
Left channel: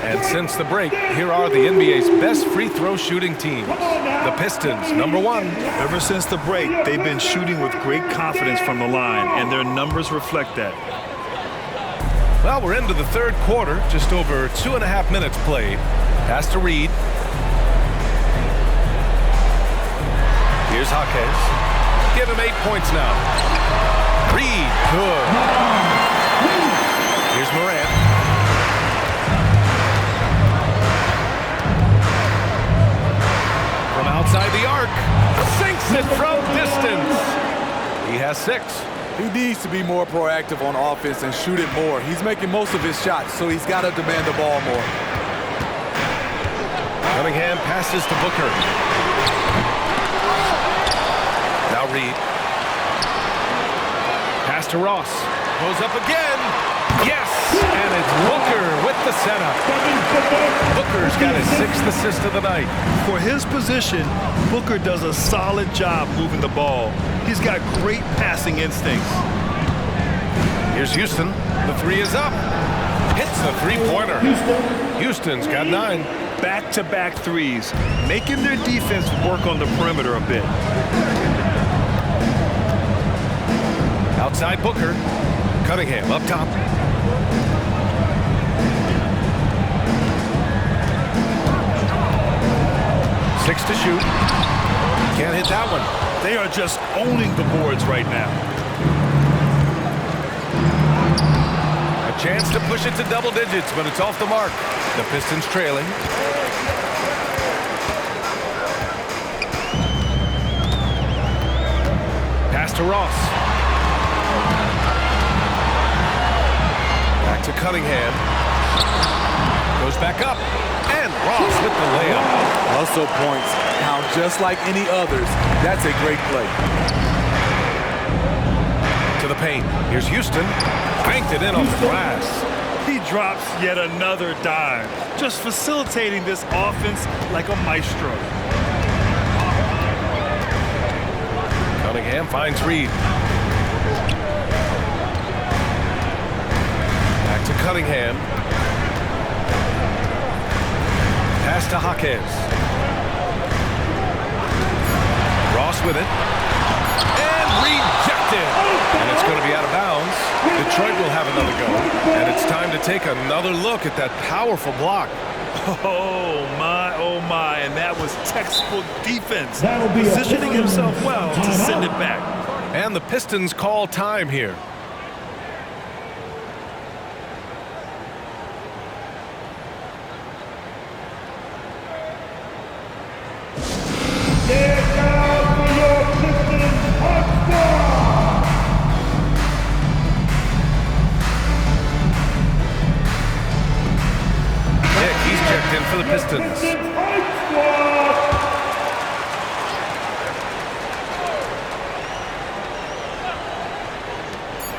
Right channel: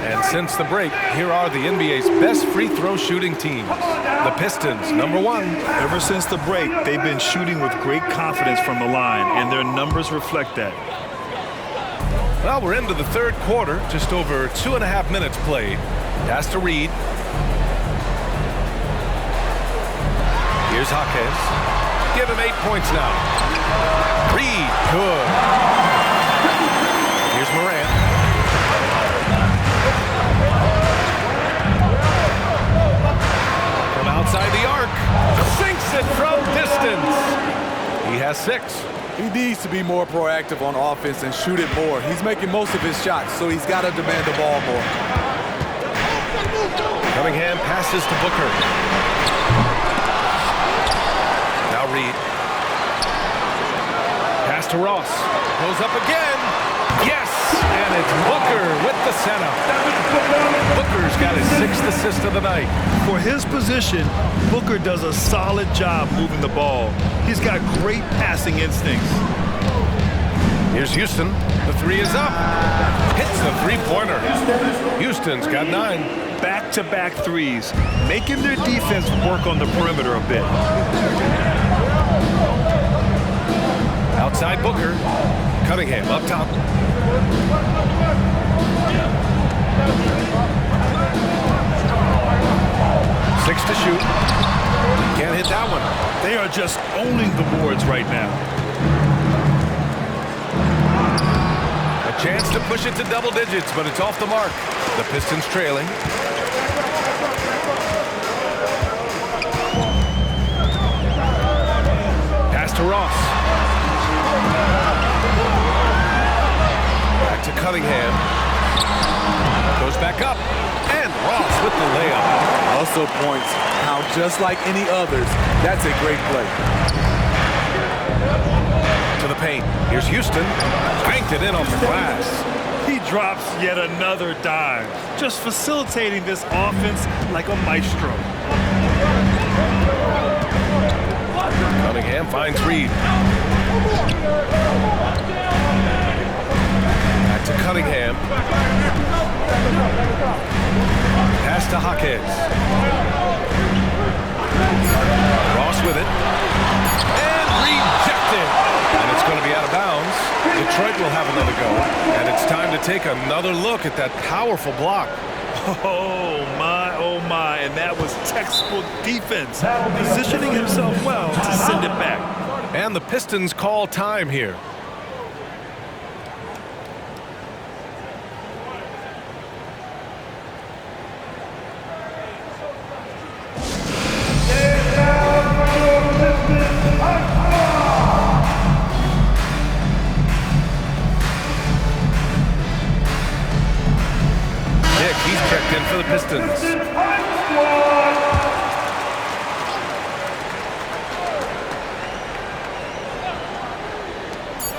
And since the break, here are the NBA's best free throw shooting teams. The Pistons, number 1. Ever since the break, they've been shooting with great confidence from the line, and their numbers reflect that. Well, we're into the third quarter, just over 2.5 minutes played. Pass to Reid. Here's Jaquez. Give him 8 points now. Reid, good. Here's Morant. From outside the arc, sinks it from distance. He has 6. He needs to be more proactive on offense and shoot it more. He's making most of his shots, so he's got to demand the ball more. Cunningham passes to Booker. Now Reid. Pass to Ross. Goes up again. Yes! And it's Booker with the setup. Booker's got his 6th assist of the night. For his position, Booker does a solid job moving the ball. He's got great passing instincts. Here's Houston. The 3 is up. Hits the 3-pointer. Houston's got 9. Back-to-back threes, making their defense work on the perimeter a bit. Outside Booker. Cunningham up top. Six to shoot. Can't hit that one. They are just owning the boards right now. A chance to push it to double digits, but it's off the mark. The Pistons trailing. to Ross. Back to Cunningham. Goes back up. And Ross with the layup. Hustle points count just like any others. That's a great play. To the paint. Here's Houston. Banked it in off the glass. He drops yet another dime, just facilitating this offense like a maestro. Cunningham finds Reed. Back to Cunningham. Pass to Jaquez. Ross with it. And rejected. And it's going to be out of bounds. Detroit will have another go. And it's time to take another look at that powerful block. Oh my, and that was textbook defense. Positioning himself well to send it back. And the Pistons call time here. He's checked in for the Pistons.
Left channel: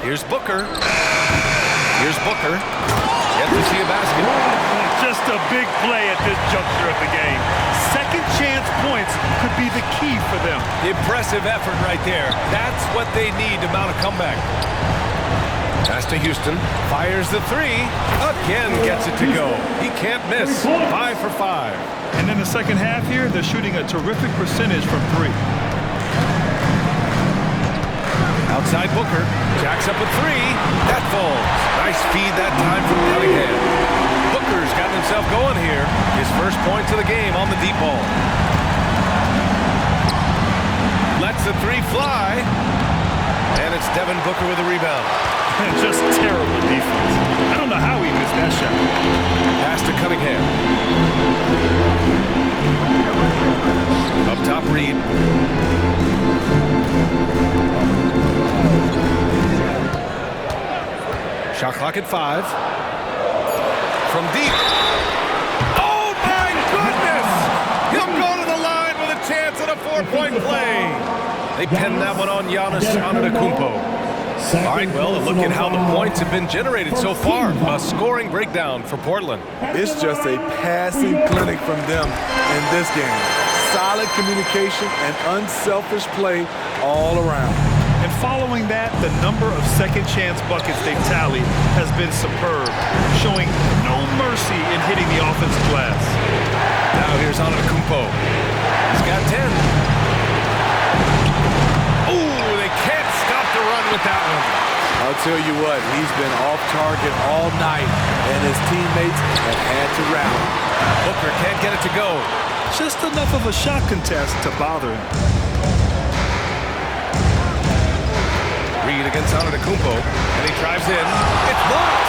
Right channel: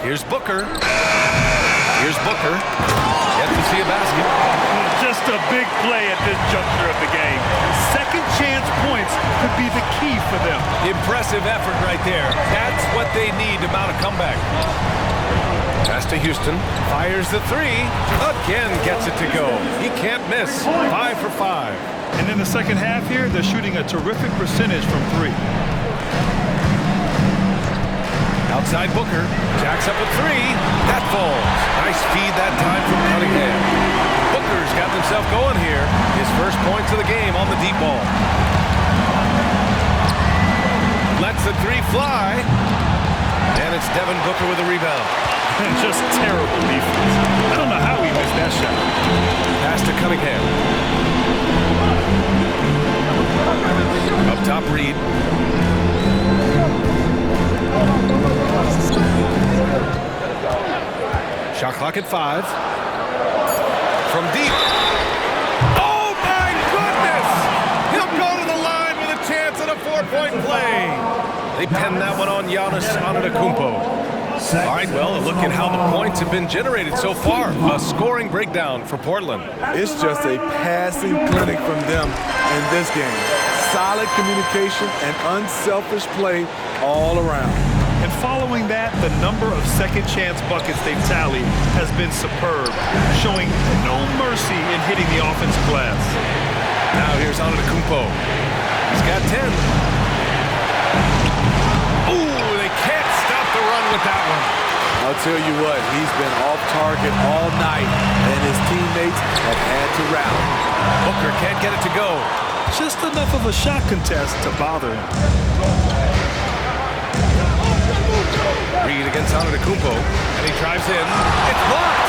Here's Booker. Here's Booker. Yet to see a basket. Just a big play at this juncture of the game. Second chance points could be the key for them. Impressive effort right there. That's what they need to mount a comeback. Pass to Houston. Fires the three. Again gets it to go. He can't miss. 5 for 5. And in the second half here, they're shooting a terrific percentage from three. Outside Booker. Jacks up a three. That falls. Nice feed that time from Cunningham. Booker's gotten himself going here. His first points of the game on the deep ball. Lets the three fly. And it's Devin Booker with a rebound. Just terrible defense. I don't know how he missed that shot. Pass to Cunningham. Up top, Reed. Shot clock at 5. From deep. Oh, my goodness! He'll go to the line with a chance at a 4-point play. They pinned that one on Giannis Antetokounmpo. All right, well, a look at how the points have been generated so far. A scoring breakdown for Portland. It's just a passing clinic from them in this game. Solid communication and unselfish play all around. And following that, the number of second chance buckets they've tallied has been superb, showing no mercy in hitting the offensive glass. Now here's Antetokounmpo. He's got 10. Ooh, they can't stop the run with that one. I'll tell you what, he's been off target all night, and his teammates have had to rally. Booker can't get it to go. Just enough of a shot contest to bother him. Reed against Antetokounmpo, and he drives in. It's blocked.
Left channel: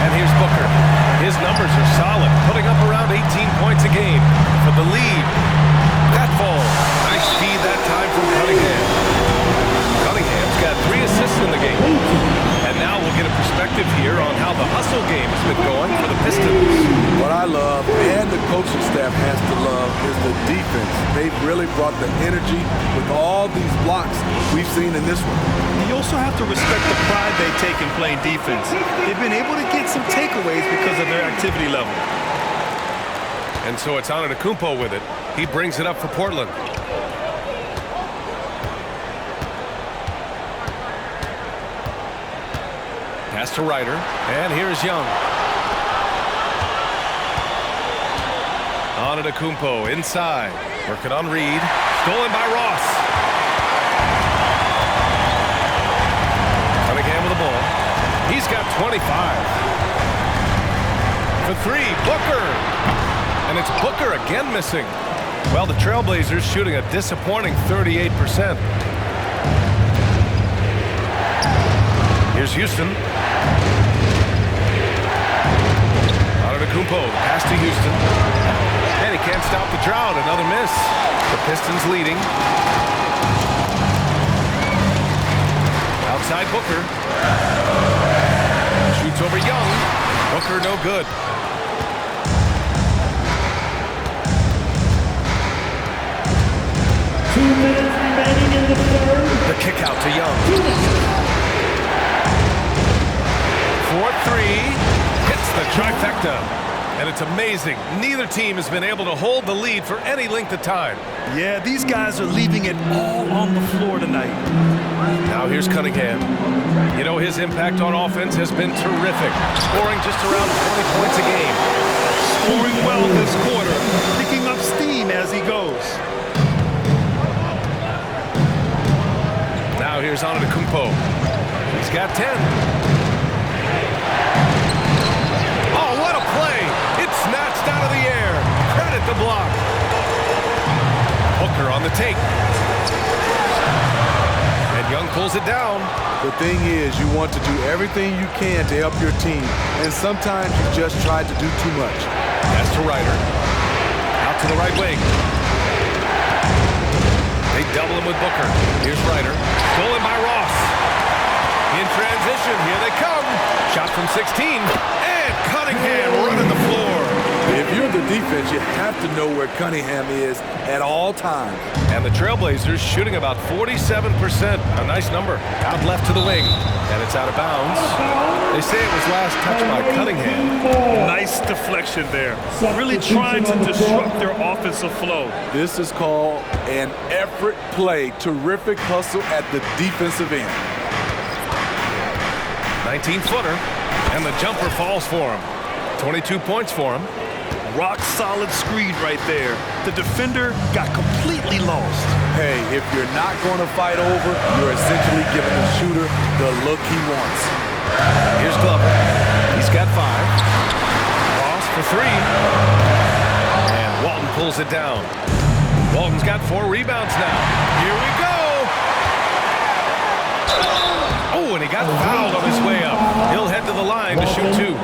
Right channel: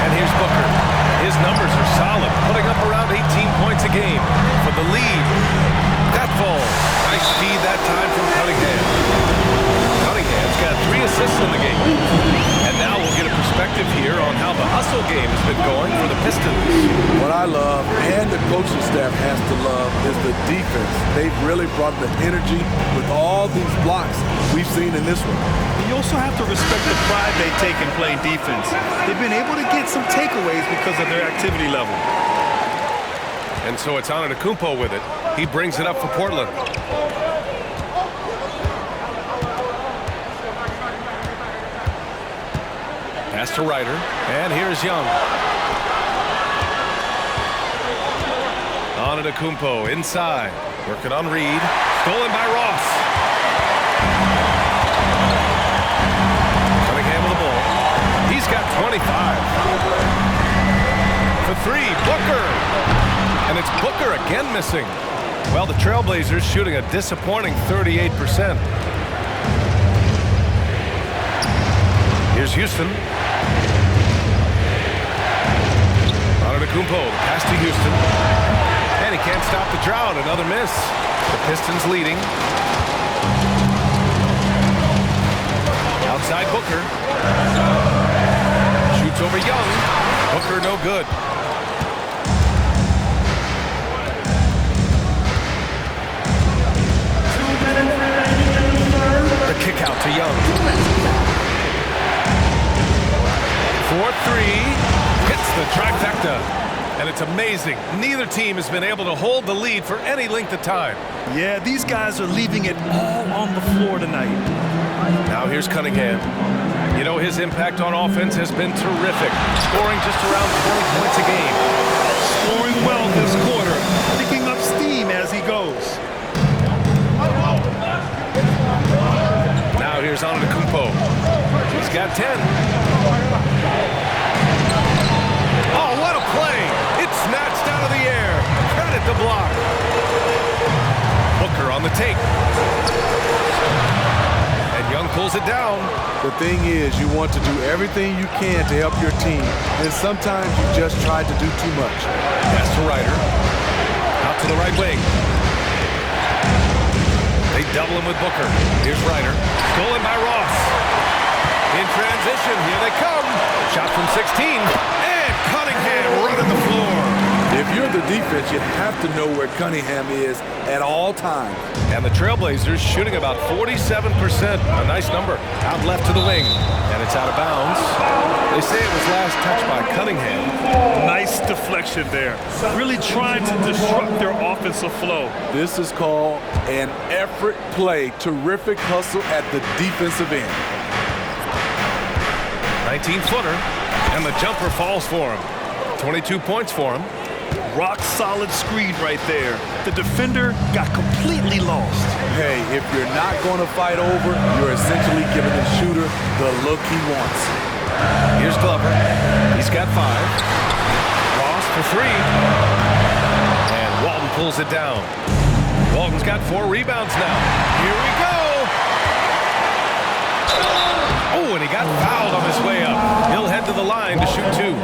And here's Booker. His numbers are solid, putting up around 18 points a game for the lead. That falls. Nice feed that time from Cunningham. Cunningham's got 3 assists in the game. And now we'll get a perspective here on how the hustle game has been going for the Pistons. What I love, and the coaching staff has to love, is the defense. They've really brought the energy with all these blocks we've seen in this one. You also have to respect the pride they take in playing defense. They've been able to get some takeaways because of their activity level. And so it's Antetokounmpo with it. He brings it up for Portland. Pass to Ryder, and here's Young. Antetokounmpo inside, working on Reed. Stolen by Ross. Cunningham with the ball. He's got 25. For 3, Booker. And it's Booker again missing. Well, the Trailblazers shooting a disappointing 38%. Here's Houston. Antetokounmpo, the pass to Houston. And he can't stop the drought. Another miss. The Pistons leading. Outside Booker. Shoots over Young. Booker no good. The kick out to Young. 4-3. Hits the trifecta. And it's amazing. Neither team has been able to hold the lead for any length of time. Yeah, these guys are leaving it all on the floor tonight. Now here's Cunningham. You know, his impact on offense has been terrific. Scoring just around 20 points a game. Scoring well this quarter. Picking up steam as he goes. Now here's Antetokounmpo. He's got 10. Oh, what a play! It's snatched out of the air. Credit the block. Booker on the take. And Young pulls it down. The thing is, you want to do everything you can to help your team, and sometimes you just try to do too much. Pass to Ryder. Out to the right wing. They double him with Booker. Here's Ryder. Stolen by Ross. In transition, here they come. Shot from 16. And Cunningham running the floor. If you're the defense, you have to know where Cunningham is at all times. And the Trailblazers shooting about 47%. A nice number. Out left to the wing. And it's out of bounds. They say it was last touched by Cunningham. Nice deflection there. Really trying to disrupt their offensive flow. This is called an effort play. Terrific hustle at the defensive end. 19-footer. And the jumper falls for him. 22 points for him. Rock solid screen right there. The defender got completely lost. Hey, if you're not going to fight over, you're essentially giving the shooter the look he wants. Here's Glover. He's got 5. Ross for 3. And Walton pulls it down. Walton's got 4 rebounds now. Here we go. Oh, and he got fouled on his way up. He'll head to the line to shoot 2.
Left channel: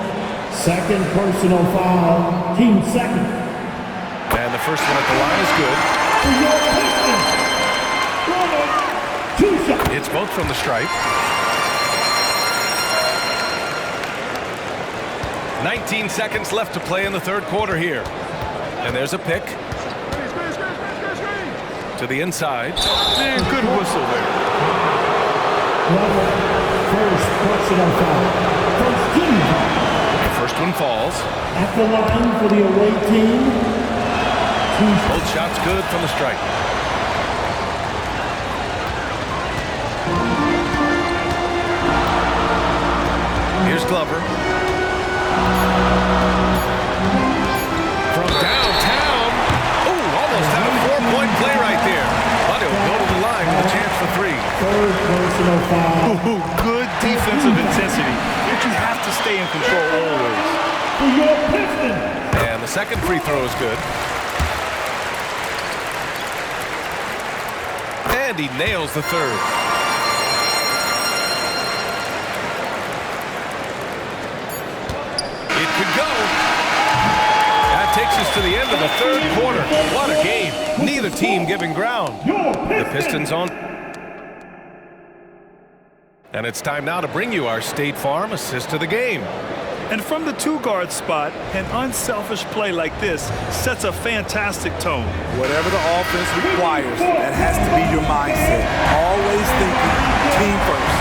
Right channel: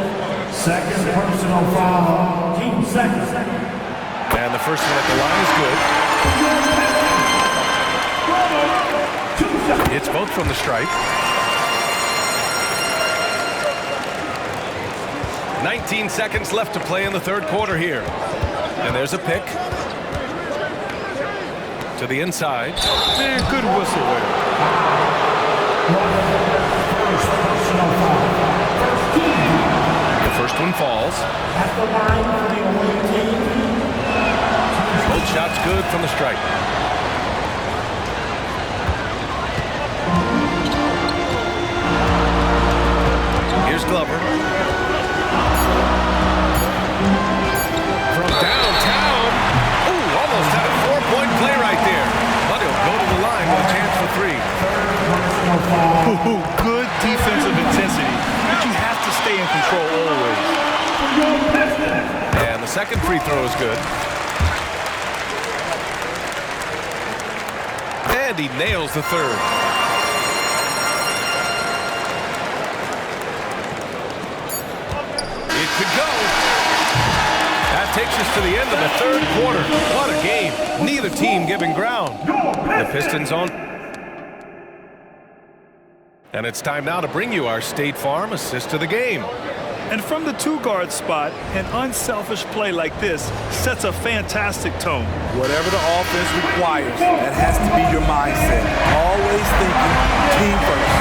Second personal foul, team second. And the first one at the line is good. It's both from the stripe. 19 seconds left to play in the third quarter here. And there's a pick. To the inside. Man, good whistle there. First personal foul. First team foul. The first one falls. At the line for the away team. Both shots good from the stripe. Here's Glover. From downtown. Ooh, almost had a 4-point play right there. But he'll go to the line with a chance for 3. Third personal foul. Ooh, good defensive intensity, but you have to stay in control always. And the second free throw is good. And he nails the third. It could go. That takes us to the end of the third quarter. What a game. Neither team giving ground. The Pistons on. And it's time now to bring you our State Farm assist of the game. And from the 2-guard spot, an unselfish play like this sets a fantastic tone. Whatever the offense requires, that has to be your mindset. Always thinking team first.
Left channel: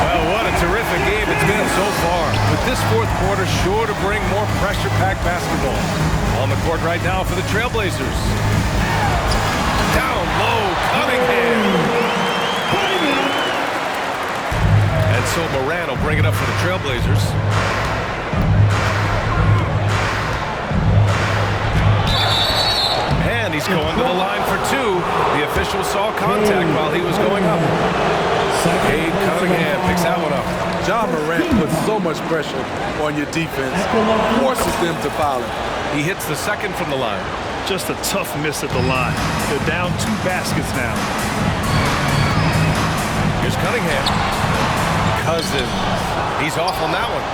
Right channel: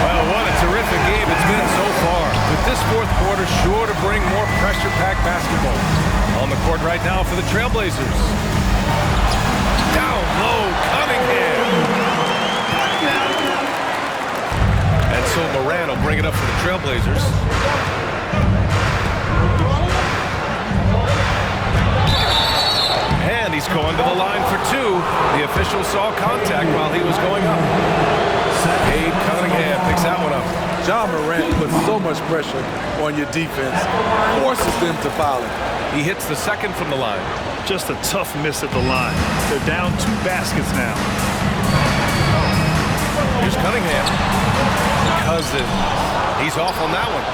Well, what a terrific game it's been so far. With this fourth quarter sure to bring more pressure-packed basketball. On the court right now for the Trailblazers. Down low, Cunningham. And so Moran will bring it up for the Trailblazers. And he's going to the line for 2. The official saw contact while he was going up. Cade Cunningham picks that one up. Ja Morant puts so much pressure on your defense, forces them to foul him. He hits the second from the line. Just a tough miss at the line. They're down 2 baskets now. Here's Cunningham. Cousins. He's off on that one.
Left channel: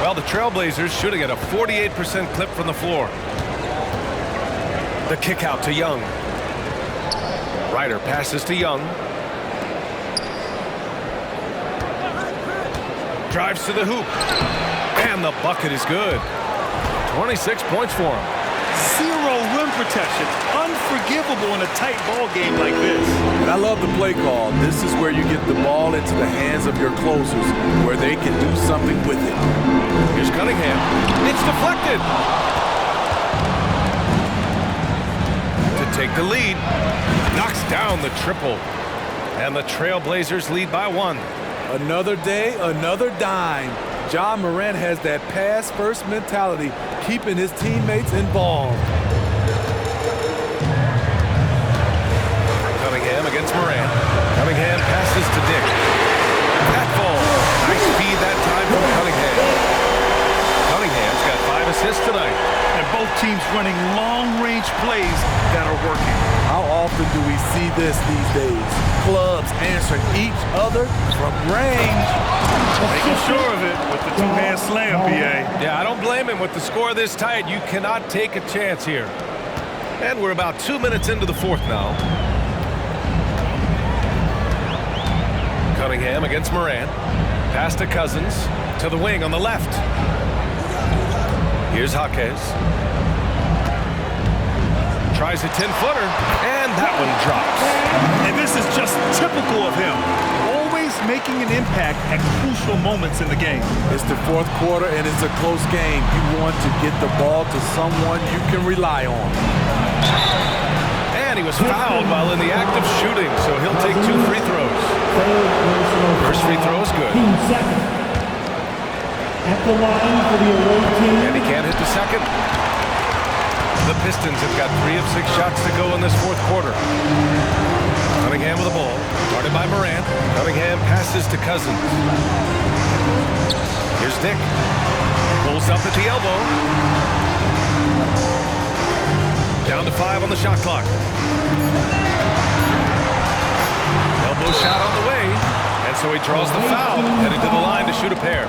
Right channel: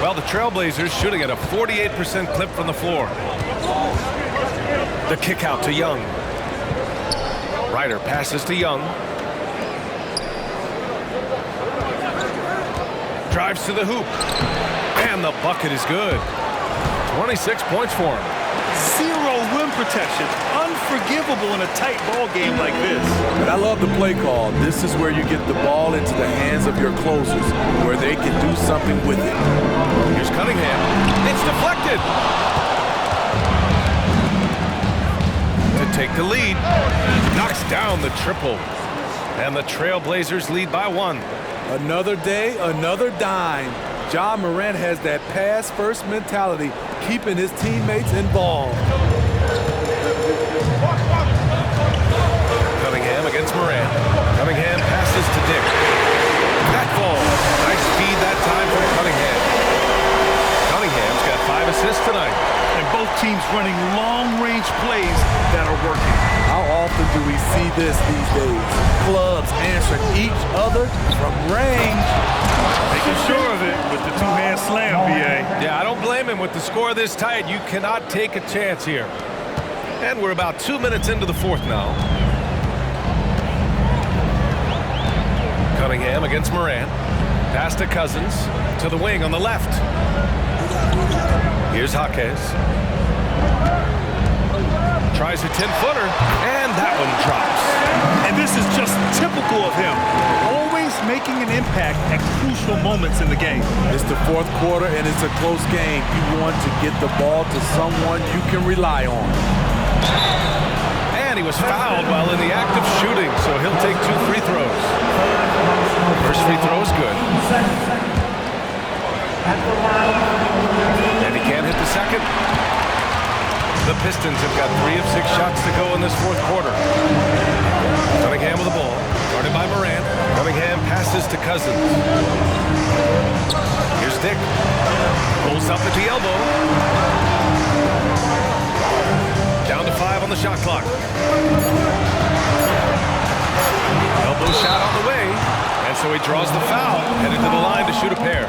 Well, the Trailblazers shooting at a 48% clip from the floor. The kick out to Young. Ryder passes to Young. Drives to the hoop. And the bucket is good. 26 points for him. Zero rim protection. Unforgivable in a tight ball game like this. And I love the play call. This is where you get the ball into the hands of your closers, where they can do something with it. Here's Cunningham. It's deflected. To take the lead. Knocks down the triple. And the Trailblazers lead by 1. Another day, another dime. Ja Morant has that pass-first mentality, keeping his teammates involved. Cunningham against Morant. Cunningham passes to Dick. That ball. Nice feed that time from Cunningham. Cunningham's got 5 assists tonight. And both teams running long-range plays that are working. How often do we see this these days? Clubs answering each other from range. Making sure of it with the two-hand slam, B.A. Yeah, I don't blame him. With the score this tight, you cannot take a chance here. And we're about 2 minutes into the 4th now. Cunningham against Morant. Pass to Cousins. To the wing on the left. Here's Jaquez. Tries a 10-footer, and that one drops. And this is just typical of him. Always making an impact at crucial moments in the game. It's the 4th quarter, and it's a close game. You want to get the ball to someone you can rely on. And he was fouled while in the act of shooting, so he'll take 2 free throws. First free throw is good. And he can't hit the second. The Pistons have got 3 of 6 shots to go in this 4th quarter. Cunningham with the ball, guarded by Morant. Cunningham passes to Cousins. Here's Dick. Pulls up at the elbow. Down to 5 on the shot clock. Elbow shot on the way, and so he draws the foul, headed to the line to shoot a pair.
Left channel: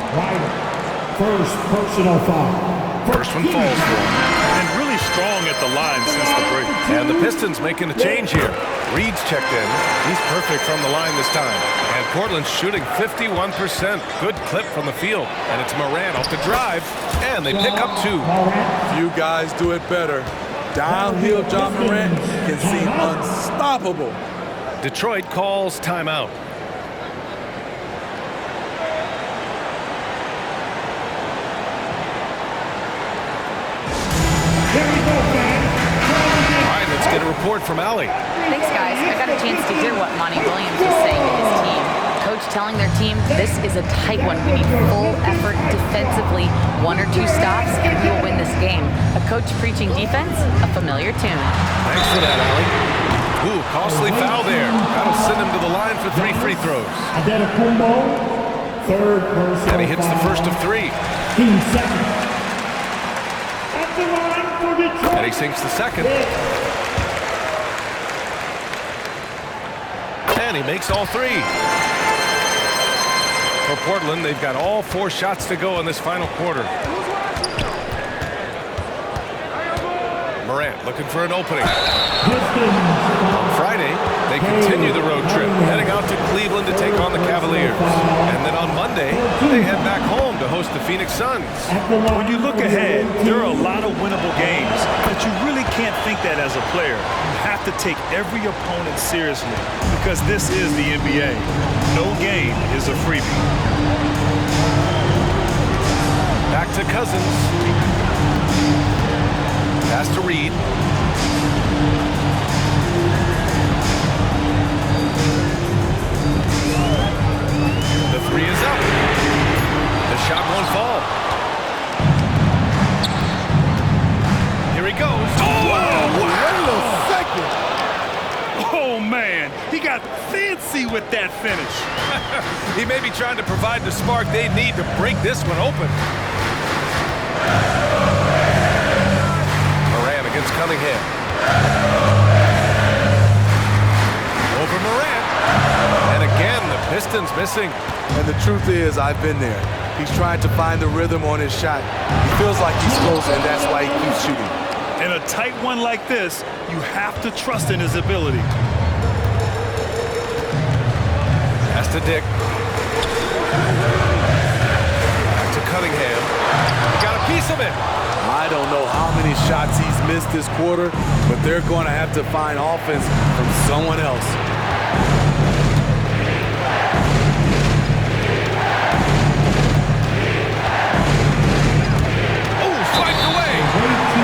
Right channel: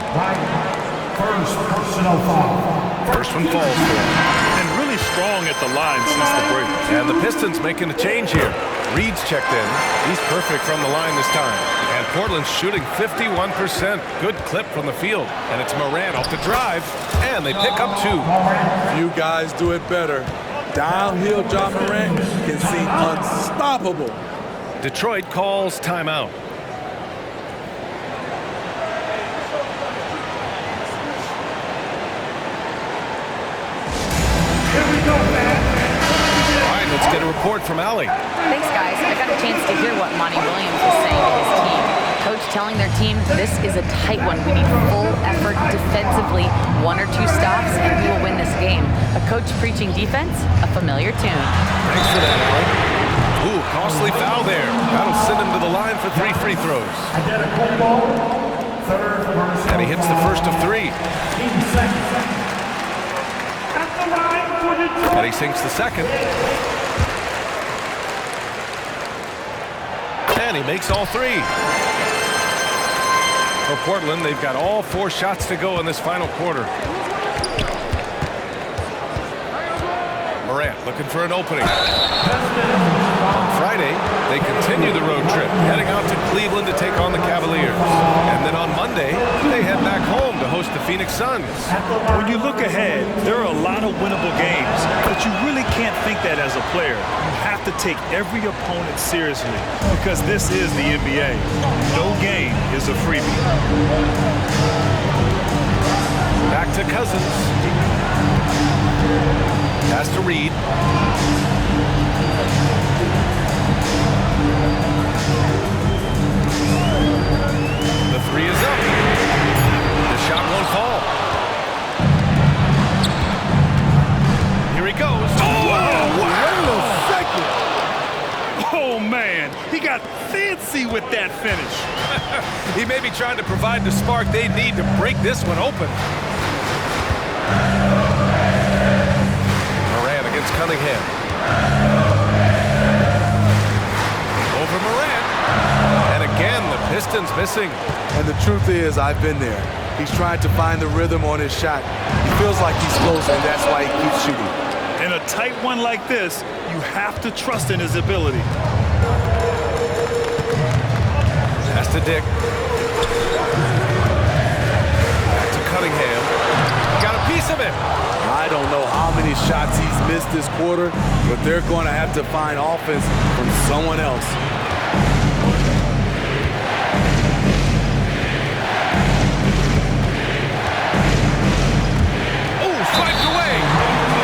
First personal foul. First one falls for him. And really strong at the line since the break. And the Pistons making a change here. Reed's checked in. He's perfect from the line this time. And Portland's shooting 51%. Good clip from the field. And it's Morant off the drive. And they pick up 2. Few guys do it better. Downhill Ja Morant can seem unstoppable. Detroit calls timeout. All right, let's get a report from Allie. Thanks, guys. I got a chance to hear what Monty Williams was saying to his team. Coach telling their team, this is a tight one. We need full effort defensively, 1 or 2 stops, and we will win this game. A coach preaching defense, a familiar tune. Thanks for that, Allie. Ooh, costly foul there. That'll send him to the line for 3 free throws. And he hits the first of 3. And he sinks the second. And he makes all 3. For Portland, they've got all 4 shots to go in this final quarter. Morant looking for an opening. On Friday, they continue the road trip, heading out to Cleveland to take on the Cavaliers. And then on Monday, they head back home to host the Phoenix Suns. When you look ahead, there are a lot of winnable games, but you really can't think that as a player. You have to take every opponent seriously because this is the NBA. No game is a freebie. Back to Cousins. Pass to Reed. The 3 is up. The shot won't fall. Here he goes. Oh, wow. Wait a second. Oh, man. He got fancy with that finish. He may be trying to provide the spark they need to break this one open. Morant against Cunningham. Over Morant. And again, the Pistons missing. And the truth is, I've been there. He's trying to find the rhythm on his shot. He feels like he's close, and that's why he keeps shooting. In a tight one like this, you have to trust in his ability. Pass to Dick. Back to Cunningham. Got a piece of it. I don't know how many shots he's missed this quarter, but they're going to have to find offense from someone else. Oh, swiped away.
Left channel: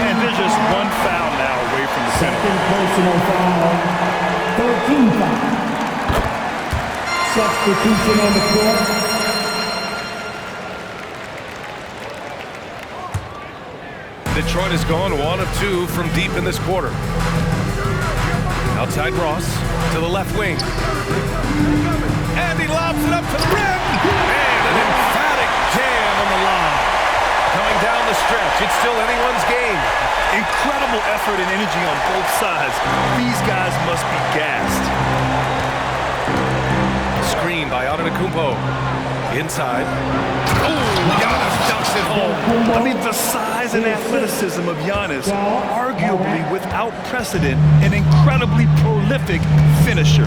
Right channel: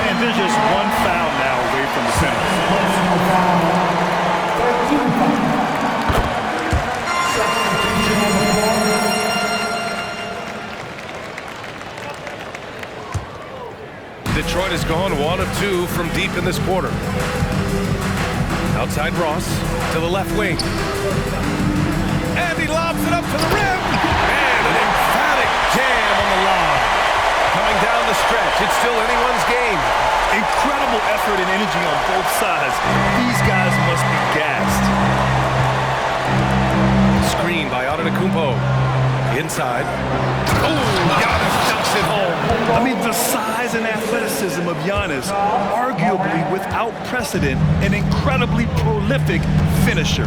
And there's just one foul now away from the penalty. Personal foul. 13 foul. Substitution on the court. Detroit has gone 1 of 2 from deep in this quarter. Outside Ross to the left wing. And he lobs it up to the rim. And an emphatic jam on the lob. Coming down the stretch, it's still anyone's game. Incredible effort and energy on both sides. These guys must be gassed. Screen by Antetokounmpo. Inside. Oh, Giannis dunks it home. I mean, the size and athleticism of Giannis, arguably without precedent, an incredibly prolific finisher.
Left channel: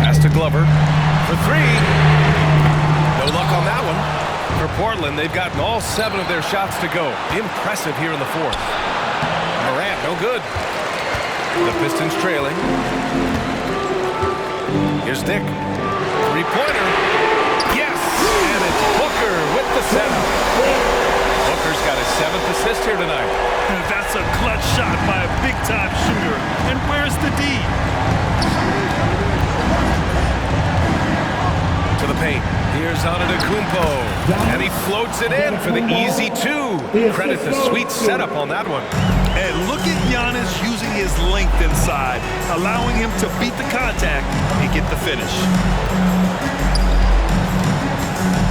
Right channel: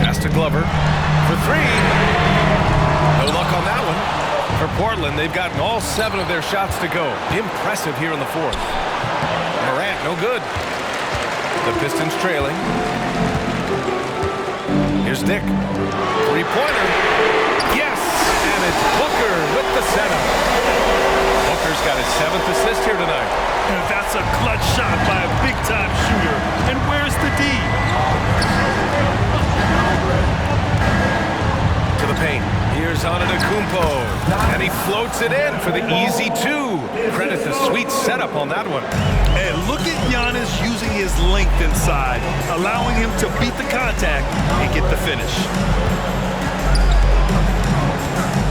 Pass to Glover for 3. No luck on that one. For Portland, they've gotten all 7 of their shots to go. Impressive here in the 4th. Morant, no good. The Pistons trailing. Here's Dick. 3-pointer. Yes! And it's Booker with the setup. Booker's got his 7th assist here tonight. And that's a clutch shot by a big-time shooter. And where's the D? To the paint. Here's Antetokounmpo. And he floats it in for the easy 2. Credit the sweet setup on that one. And look at Giannis using his length inside, allowing him to beat the contact and get the finish.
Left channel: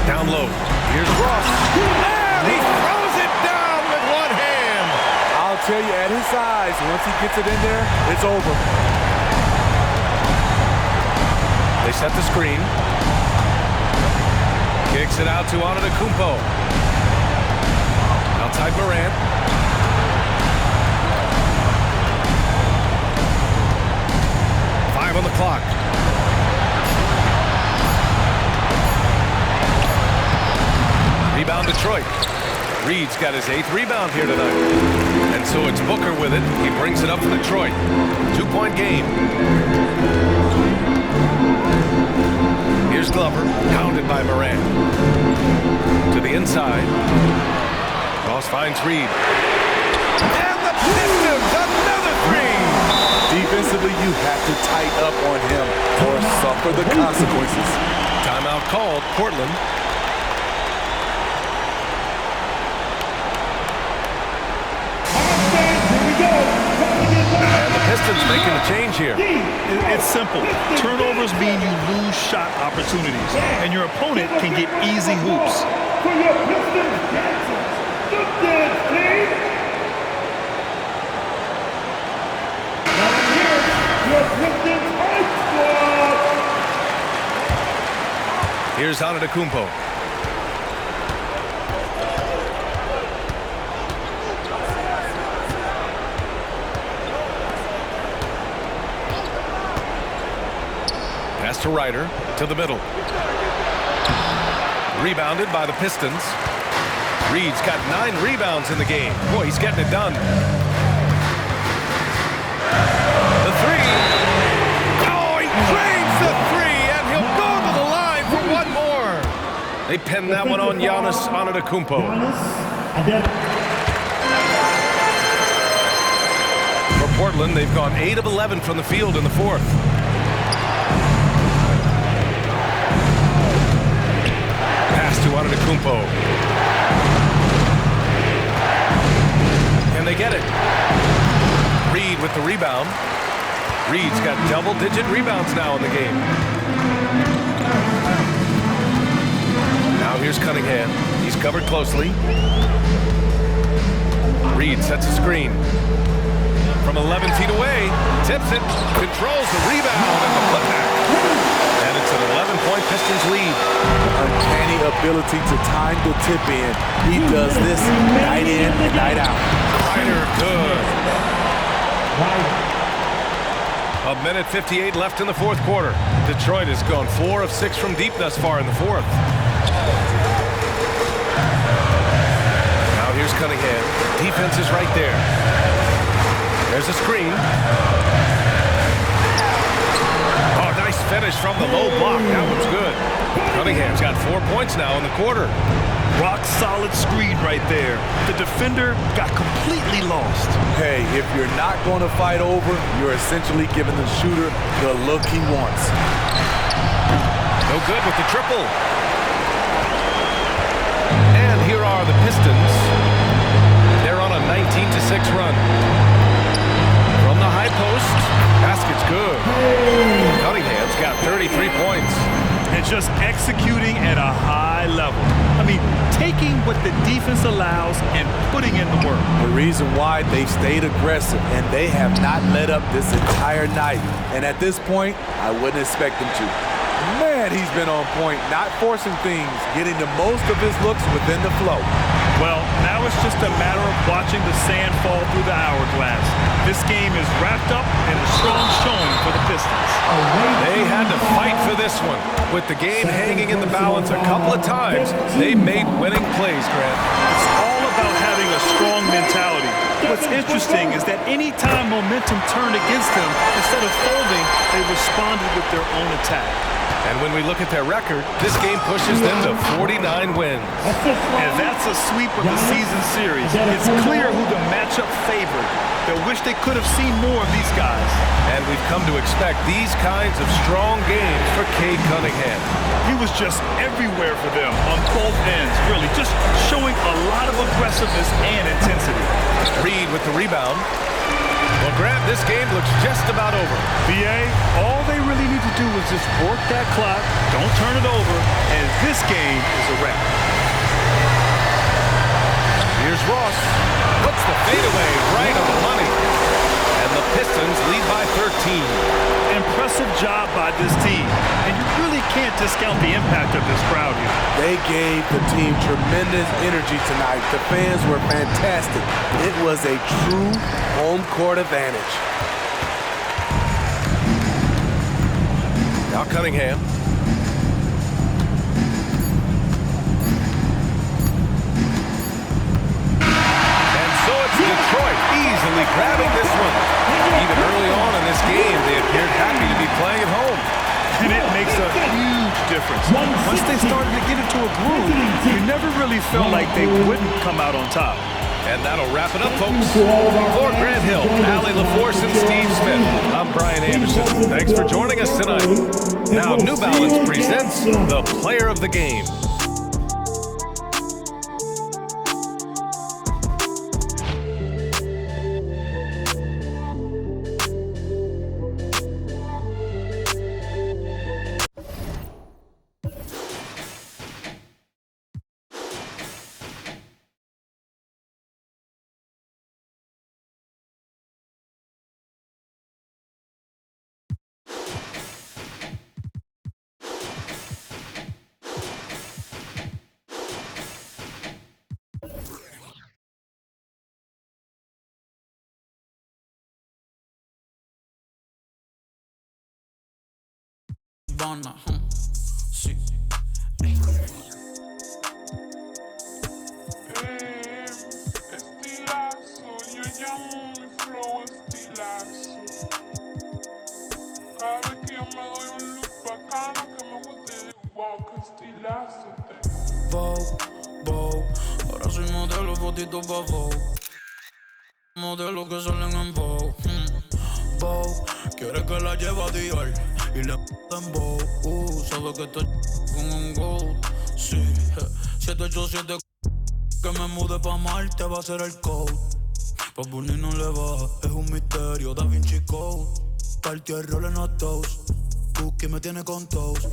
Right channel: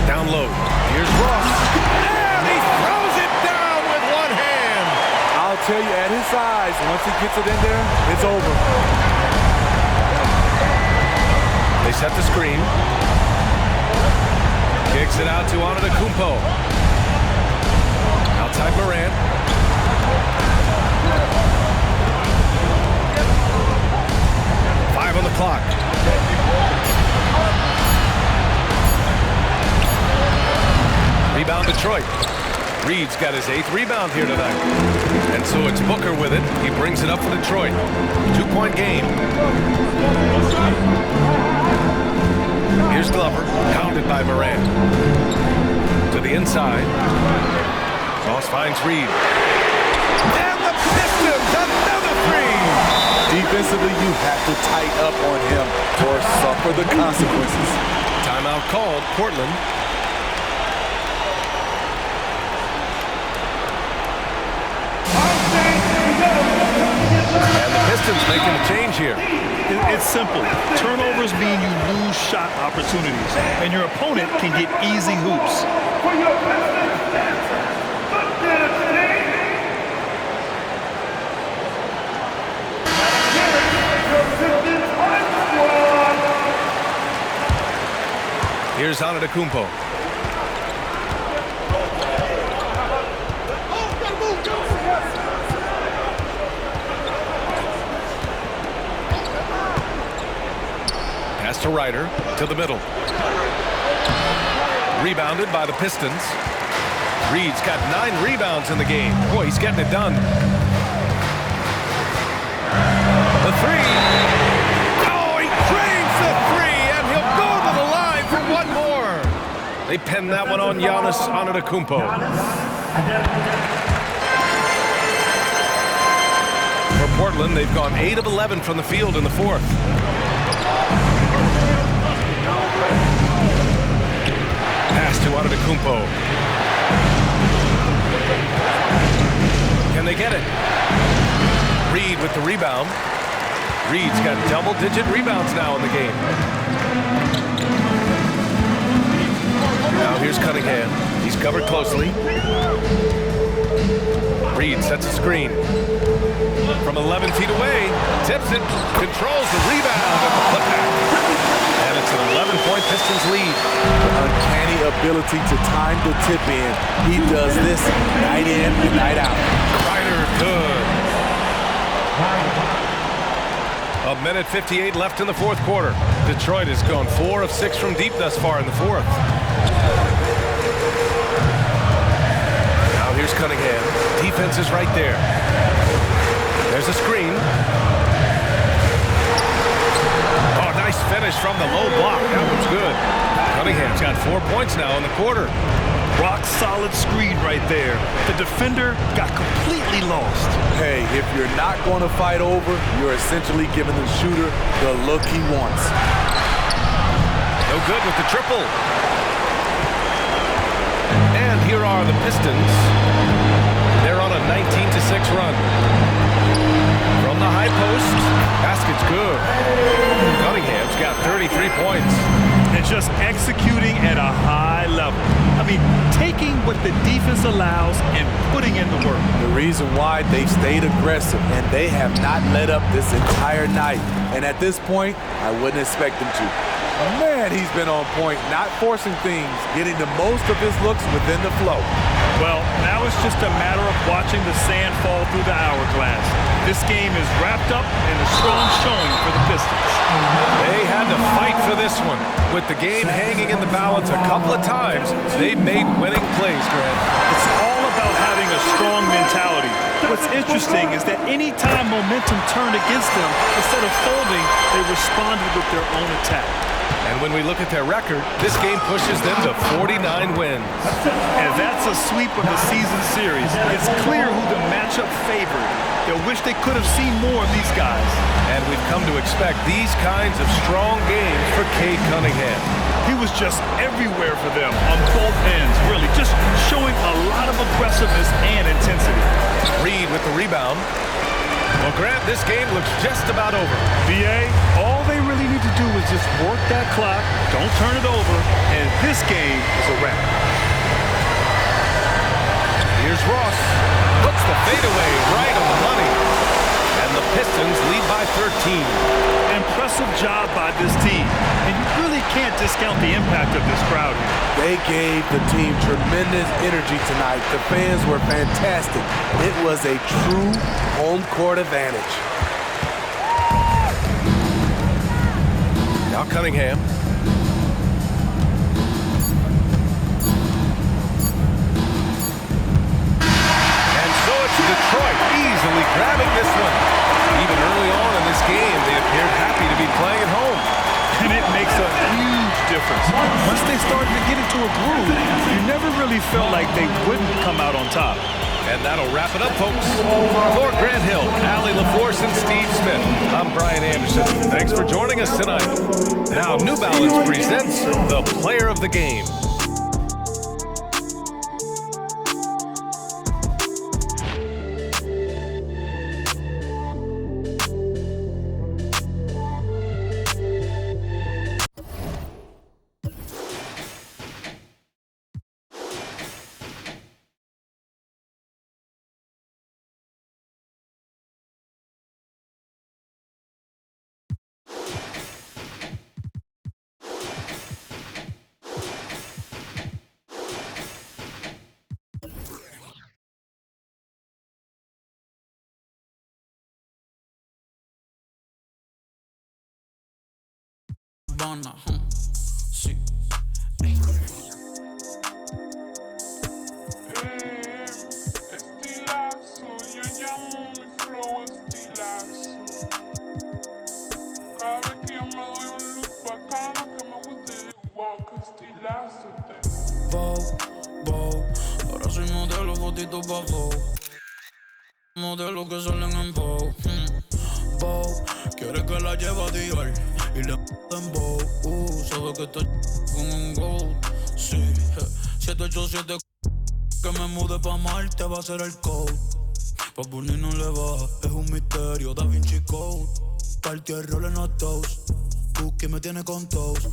Down low. Here's Ross. And he throws it down with one hand. I'll tell you, at his size, once he gets it in there, it's over. They set the screen. Kicks it out to Antetokounmpo. Outside Morant. Five on the clock. Rebound Detroit. Reed's got his 8th rebound here tonight. And so it's Booker with it. He brings it up for Detroit. 2-point game. Here's Glover, pounded by Morant. To the inside. Ross finds Reed. And the Pistons, another 3! Defensively, you have to tighten up on him or suffer the consequences. Timeout called, Portland. And the Pistons making a change here. It's simple. Turnovers mean you lose shot opportunities, and your opponent can get easy hoops. For your Pistons dancers, the dance team. Now here's your Pistons High Squad. Here's Antetokounmpo. Pass to Ryder, to the middle. Rebounded by the Pistons. Reed's got 9 rebounds in the game. Boy, he's getting it done. The 3. Oh, he drains the 3, and he'll go to the line for one more. They pin that one on Giannis Antetokounmpo. For Portland, they've gone 8 of 11 from the field in the 4th. Pass to Antetokounmpo. Can they get it? Reed with the rebound. Reed's got double-digit rebounds now in the game. Now here's Cunningham. He's covered closely. Reed sets a screen. From 11 feet away, tips it, controls the rebound and the putback. And it's an 11-point Pistons lead. Uncanny ability to time the tip in. He does this night in and night out. Kreider, good. A minute 58 left in the fourth quarter. Detroit has gone 4 of 6 from deep thus far in the fourth. Now here's Cunningham. Defense is right there. There's a screen. Oh, nice finish from the low block. That one's good. Cunningham's got 4 points now in the quarter. Rock solid screen right there. The defender got completely lost. Hey, if you're not going to fight over, you're essentially giving the shooter the look he wants. No good with the triple. And here are the Pistons. They're on a 19-6 run. From the high post, basket's good. Cunningham's got 33 points. And just executing at a high level. I mean, taking what the defense allows and putting in the work. The reason why they've stayed aggressive and they have not let up this entire night. And at this point, I wouldn't expect them to. Man, he's been on point, not forcing things, getting the most of his looks within the flow. Well, now it's just a matter of watching the sand fall through the hourglass. This game is wrapped up in a strong showing for the Pistons. They had to fight for this one. With the game hanging in the balance a couple of times, they made winning plays, Grant. It's all about having a strong mentality. What's interesting is that any time momentum turned against them, instead of folding, they responded with their own attack. And when we look at their record, this game pushes them to 49 wins. And that's a sweep of the season series. It's clear who the matchup favored. They'll wish they could have seen more of these guys. And we've come to expect these kinds of strong games for Cade Cunningham. He was just everywhere for them on both ends, really, just showing a lot of aggressiveness and intensity. Reed with the rebound. Well, Grant, this game looks just about over. BA, all they really need to do is just work that clock, don't turn it over, and this game is a wrap. Here's Ross. Puts the fadeaway right on the money. And the Pistons lead by 13. Impressive job by this team. And you really can't discount the impact of this crowd here. They gave the team tremendous energy tonight. The fans were fantastic. It was a true home court advantage. Now Cunningham. And so it's Detroit easily grabbing this one. Even early on in this game, they appeared happy to be playing at home. And it makes a huge difference. Once they started to get into a groove, you never really felt like they wouldn't come out on top. And that'll wrap it up, folks. For Grant Hill, Allie LaForce, and Steve Smith, I'm Brian Anderson. Thanks for joining us tonight. Now, New Balance presents the Player of the Game. Sí. Estilazo, yo llamo mi flow estilazo. Cada vez que yo me doy un look bacano que me guste, wow, que estilazo. Vogue, ahora soy modelo, fotito pa' Vogue. Modelo que salen en Vogue. Vogue, quiere que la lleve a Dior. Y le en Vogue, sabe que estoy con un gold. Sí, 787 que me mude pa' Marte va a ser el code. Pa' Burnie no le baja, es un misterio, Da Vinci Code. Partió el rol en los toast, Cookie me tiene con toast.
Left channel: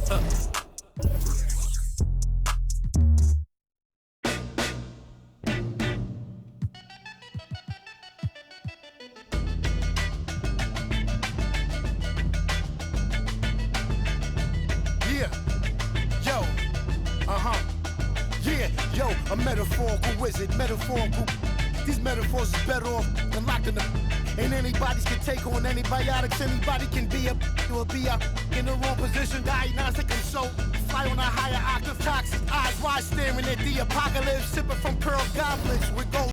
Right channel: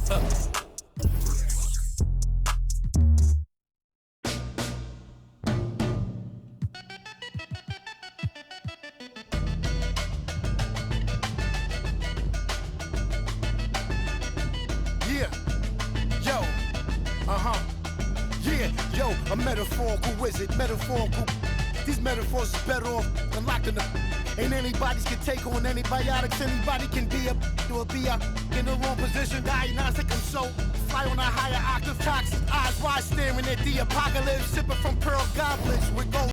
Yo, a metaphorical wizard, metaphorical. These metaphors is better off than locking them. Ain't anybody's can take on antibiotics. Anybody can be a, you will be a in the wrong position. Diagnostic, I'm so fly on a higher octave. Toxic eyes wide staring at the apocalypse. Sipping from pearl goblets with gold.